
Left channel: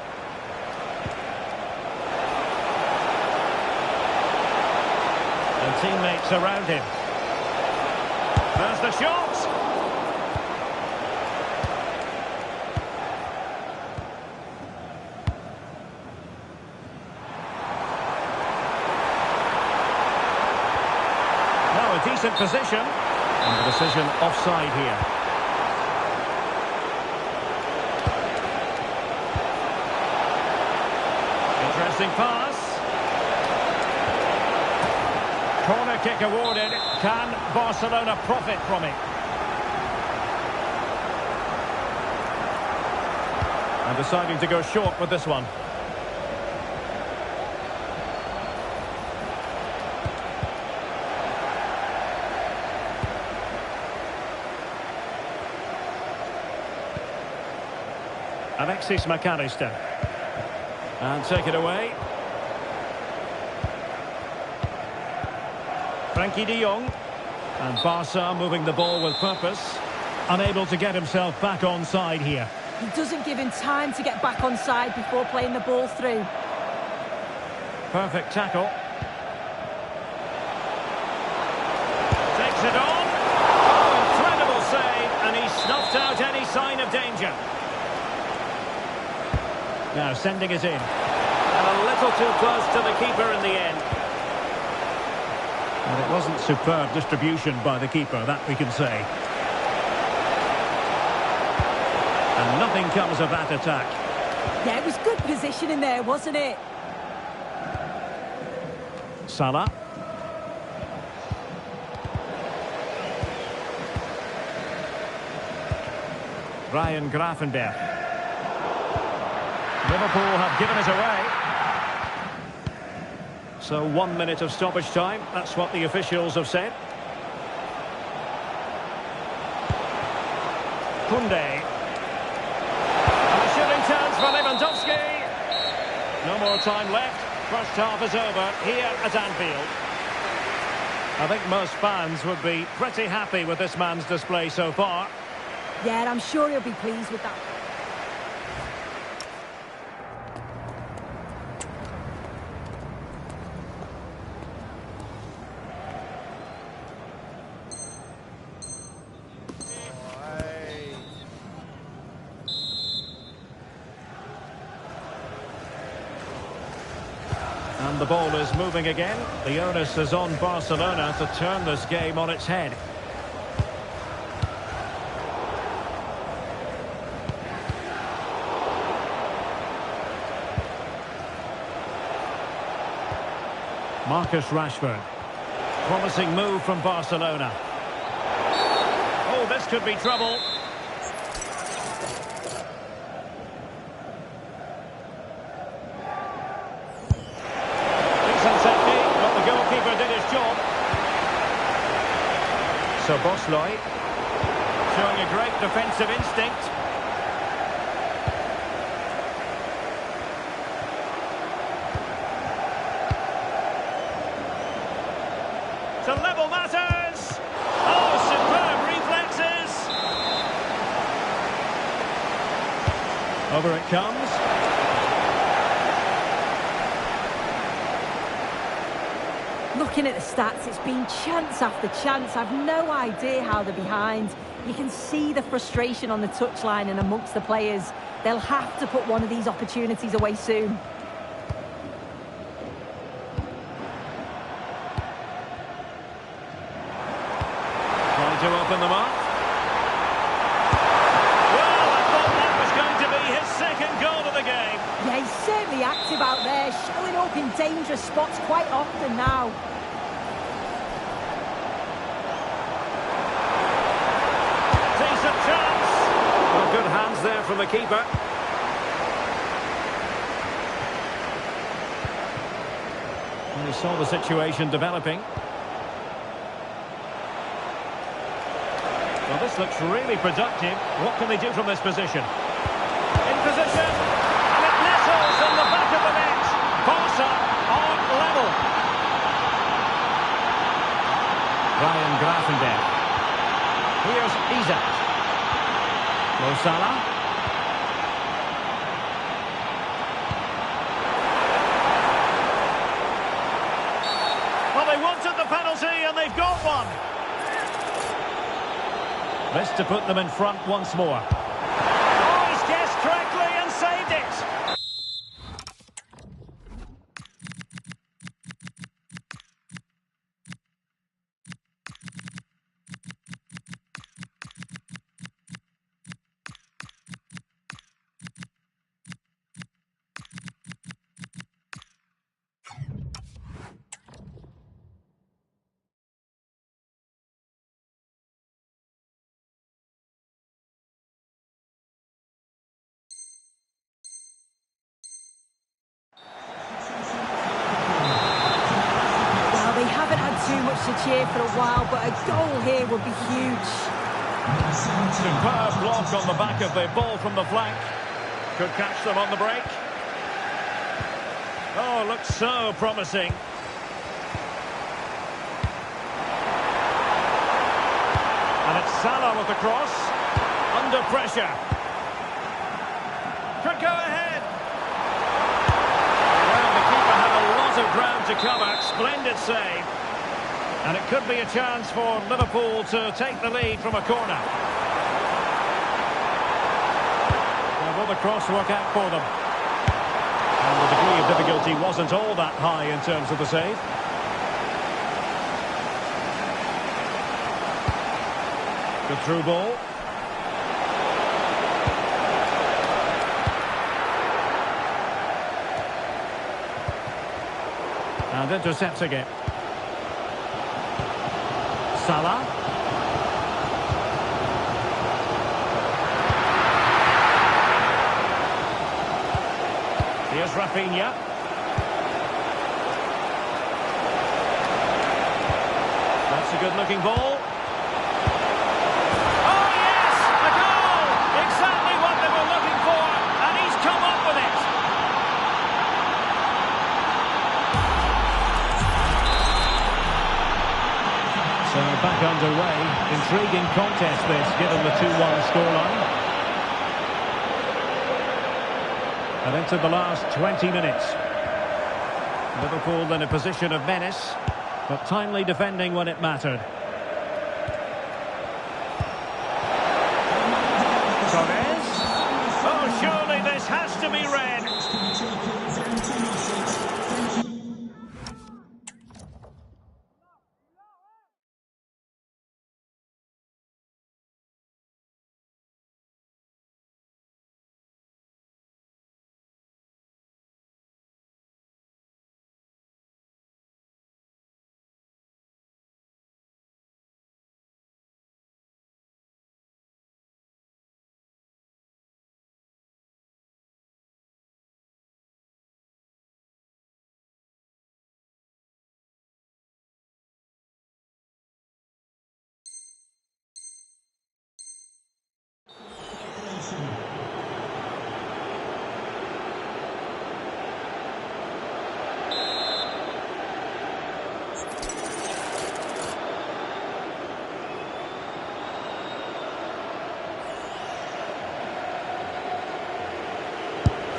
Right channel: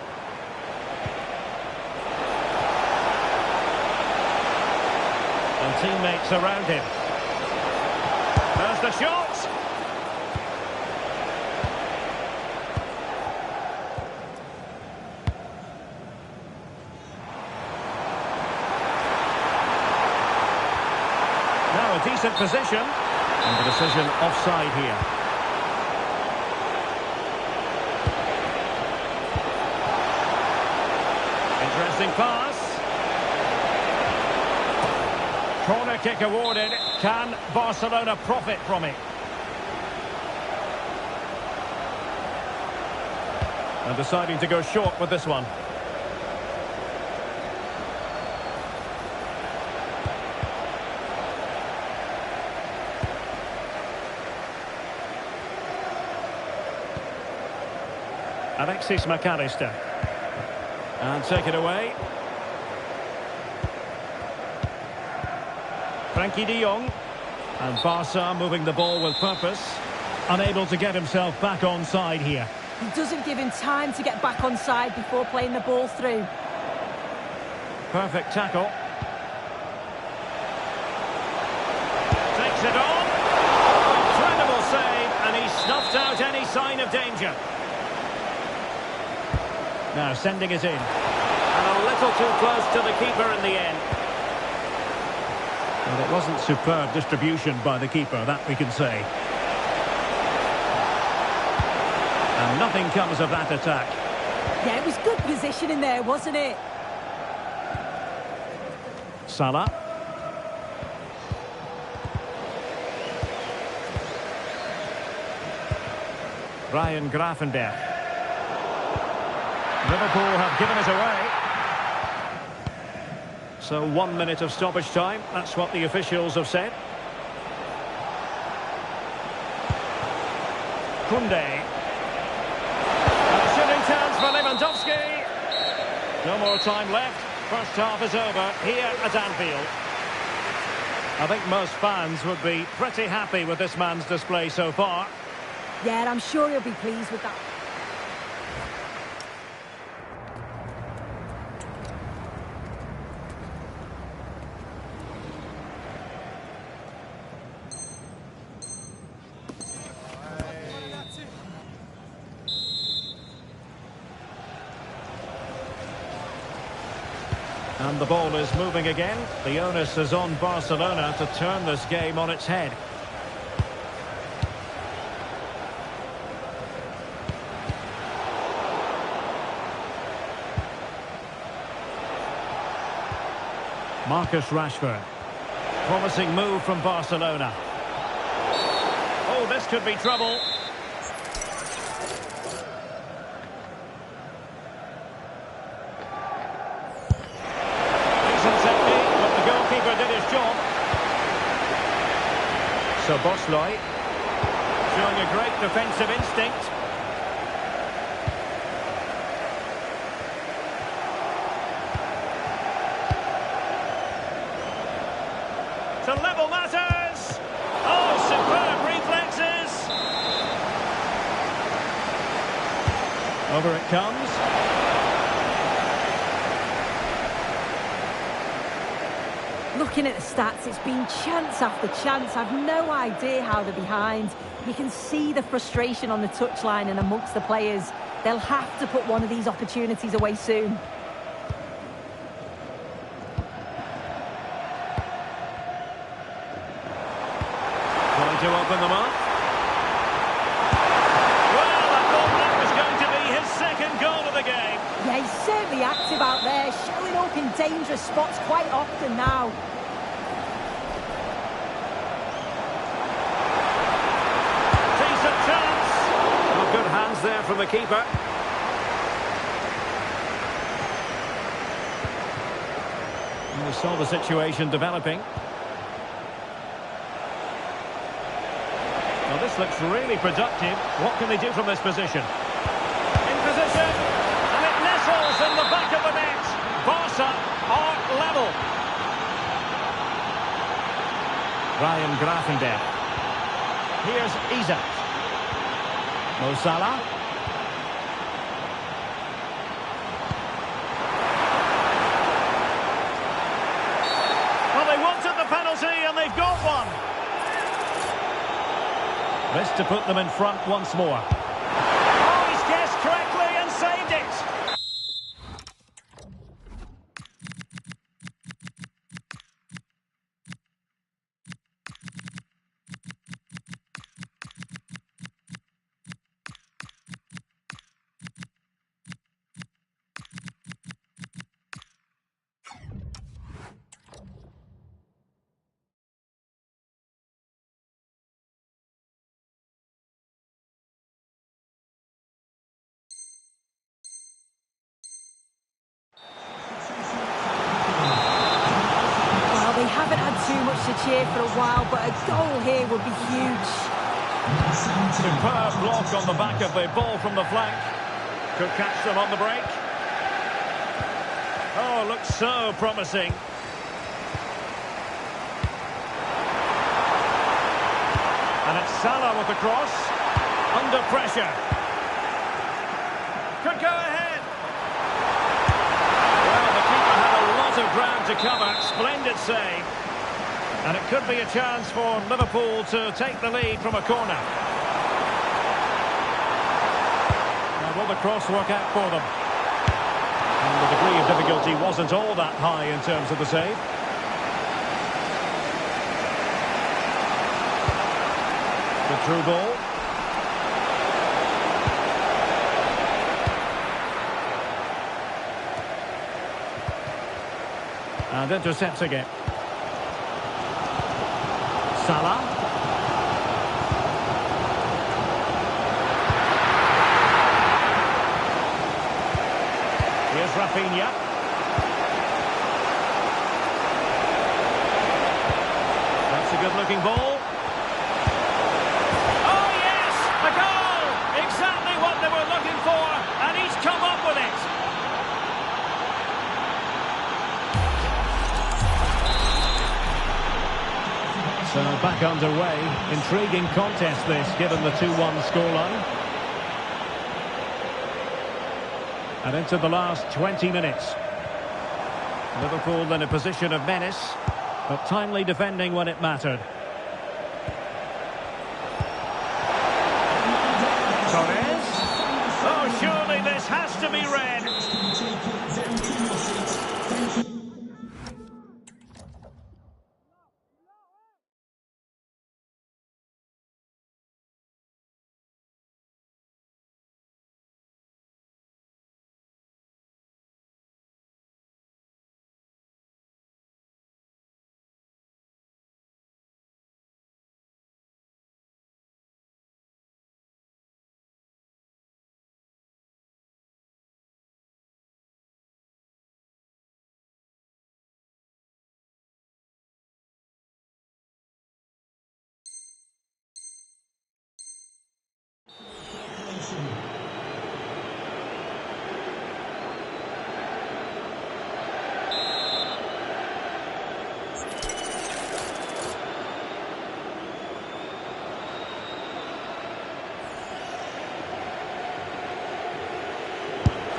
And teammates around him. There's the shot. decent position. And the decision offside here. Interesting pass. Corner kick awarded. Can Barcelona profit from it? And deciding to go short with this one. Alexis McAllister. And take it away. Frankie de Jong. And Barca moving the ball with purpose. Unable to get himself back on side here. He doesn't give him time to get back on side before playing the ball through. Perfect tackle. Takes it on. Oh, incredible save. And he snuffed out any sign of danger. Now sending it in. And a little too close to the keeper in the end. Well, it wasn't superb distribution by the keeper, that we can say. And nothing comes of that attack. Yeah, it was good positioning there, wasn't it? Salah. Ryan Gravenberch. Liverpool have given it away. So 1 minute of stoppage time. That's what the officials have said. Koundé. And a shooting chance for Lewandowski. No more time left. First half is over here at Anfield. I think most fans would be pretty happy with this man's display so far. Yeah, I'm sure he'll be pleased with that. And the ball is moving again. The onus is on Barcelona to turn this game on its head. Marcus Rashford. Promising move from Barcelona. Oh, this could be trouble. Decent technique, but the goalkeeper did his job. So Bosley showing a great defensive instinct. To level matters. Oh, superb reflexes. Over it comes. Looking at the stats, it's been chance after chance. I've no idea how they're behind. You can see the frustration on the touchline and amongst the players. They'll have to put one of these opportunities away soon. Trying to open them up. Well, I thought that was going to be his second goal of the game. Yeah, he's certainly active out there, showing up in dangerous spots quite often now. Decent chance. Well, good hands there from the keeper. And he saw the situation developing. Well, this looks really productive. What can they do from this position? In position, and it nestles in the back of the net. Barca are level. Ryan Gravenberch. Here's Isaac. Mo Salah. Well, they wanted the penalty and they've got one. This to put them in front once more. Oh, he's guessed correctly and saved it. haven't had too much to cheer for a while, but a goal here would be huge. Superb block on the back of the ball from the flank. Could catch them on the break. Oh, looks so promising. And it's Salah with the cross. Under pressure. Could go ahead. Well, the keeper had a lot of ground to cover. Splendid save. And it could be a chance for Liverpool to take the lead from a corner. Now, will the cross work out for them? And the degree of difficulty wasn't all that high in terms of the save. Good through ball. And intercepting it. Salah. Here's Rafinha. That's a good-looking ball. Oh, yes! A goal! Exactly what they were looking for, and he's come up with it. So back underway. Intriguing contest this, given the 2-1 scoreline. And into the last 20 minutes. Liverpool in a position of menace, but timely defending when it mattered. Torres. Oh, surely this has to be red.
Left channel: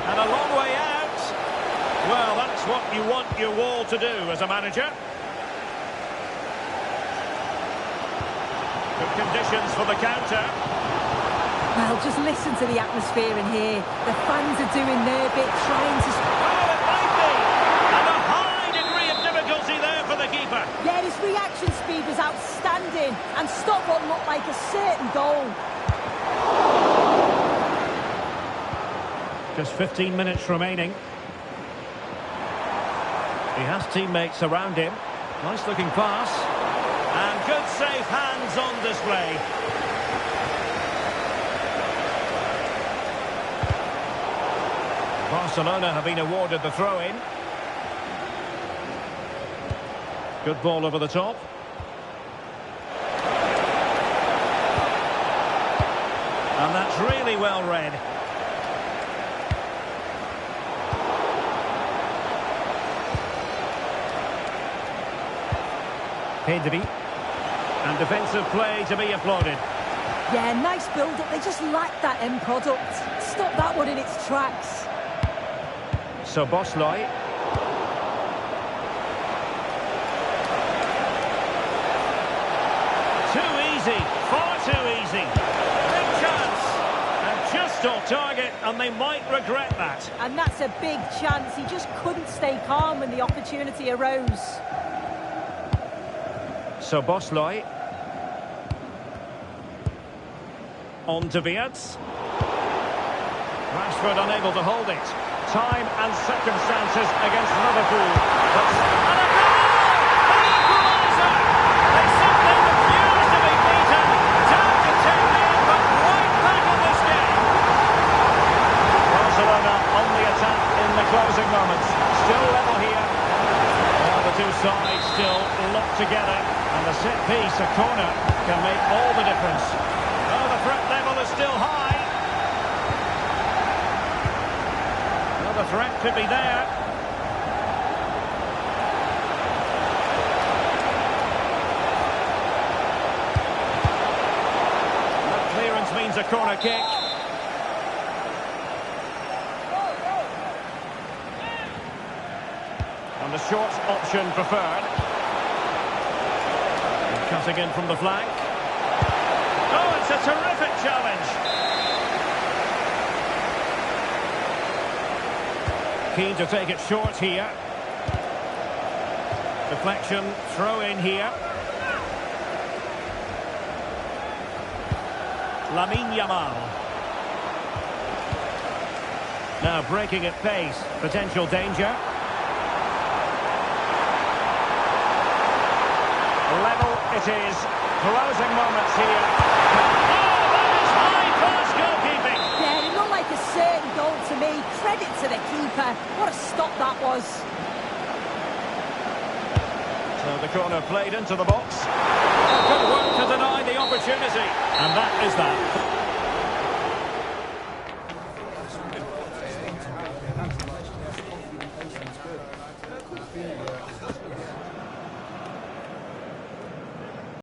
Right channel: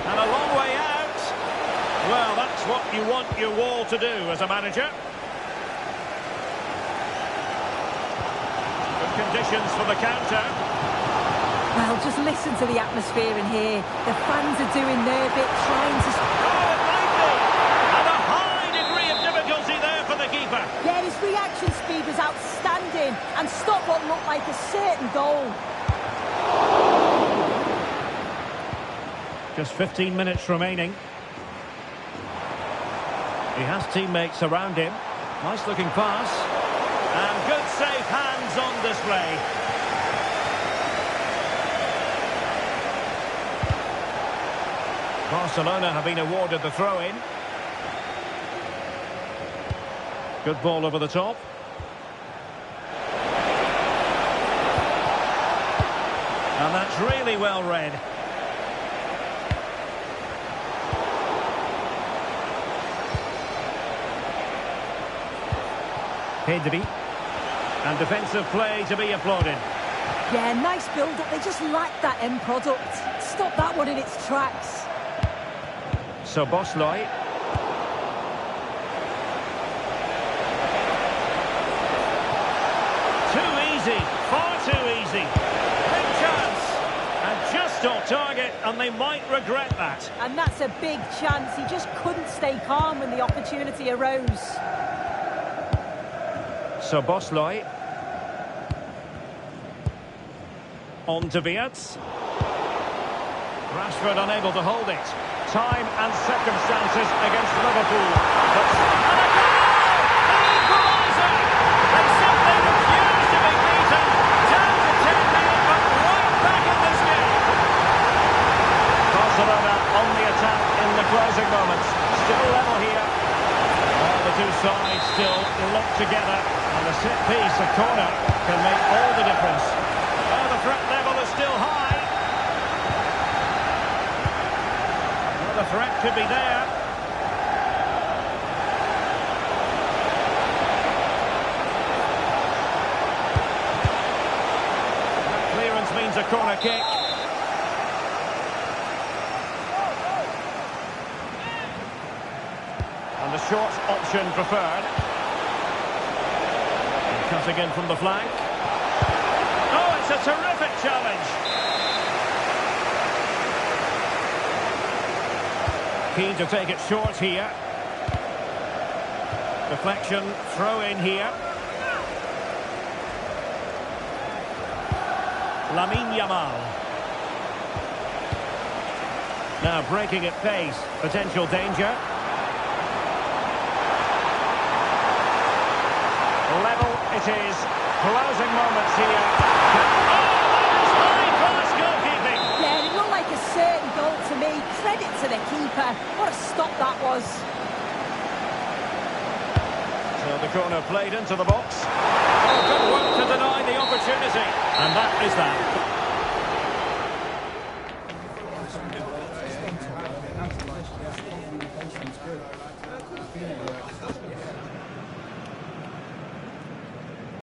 And a long way out. Well, that's what you want your wall to do as a manager. Good conditions for the counter. Well, just listen to the atmosphere in here. The fans are doing their bit, trying to... Oh, it might be! And a high degree of difficulty there for the keeper. Yeah, his reaction speed was outstanding and stopped what looked like a certain goal. Just 15 minutes remaining. He has teammates around him. Nice looking pass. And good safe hands on display. Barcelona have been awarded the throw-in. Good ball over the top. And that's really well read. Pedri. And defensive play to be applauded. Yeah, nice build-up. They just lacked that end product. Stop that one in its tracks. So Bosley. Too easy. Far too easy. Big chance. And just off target, and they might regret that. And that's a big chance. He just couldn't stay calm when the opportunity arose. So Bosley. On to Wirtz. Rashford unable to hold it. Time and circumstances against Liverpool. And a goal! The equaliser! They simply refuse to be beaten. Down to 10 men, but right back in this game. Barcelona on the attack in the closing moments. Still level here. Well, the two sides still locked together, and the set piece, a corner, can make all the difference. Oh, the threat level is still high. Well, the threat could be there. That clearance means a corner kick. And the short option preferred. And cutting in from the flank. Oh, it's a terrific challenge. Keen to take it short here. Deflection, throw in here. Lamine Yamal. Now breaking at pace, potential danger. Level it is. Closing moments here. Oh, that is high-class goalkeeping. Yeah, it looked like a certain goal to me. Credit to the keeper. What a stop that was. So the corner played into the box. Oh, good work to deny the opportunity. And that is that.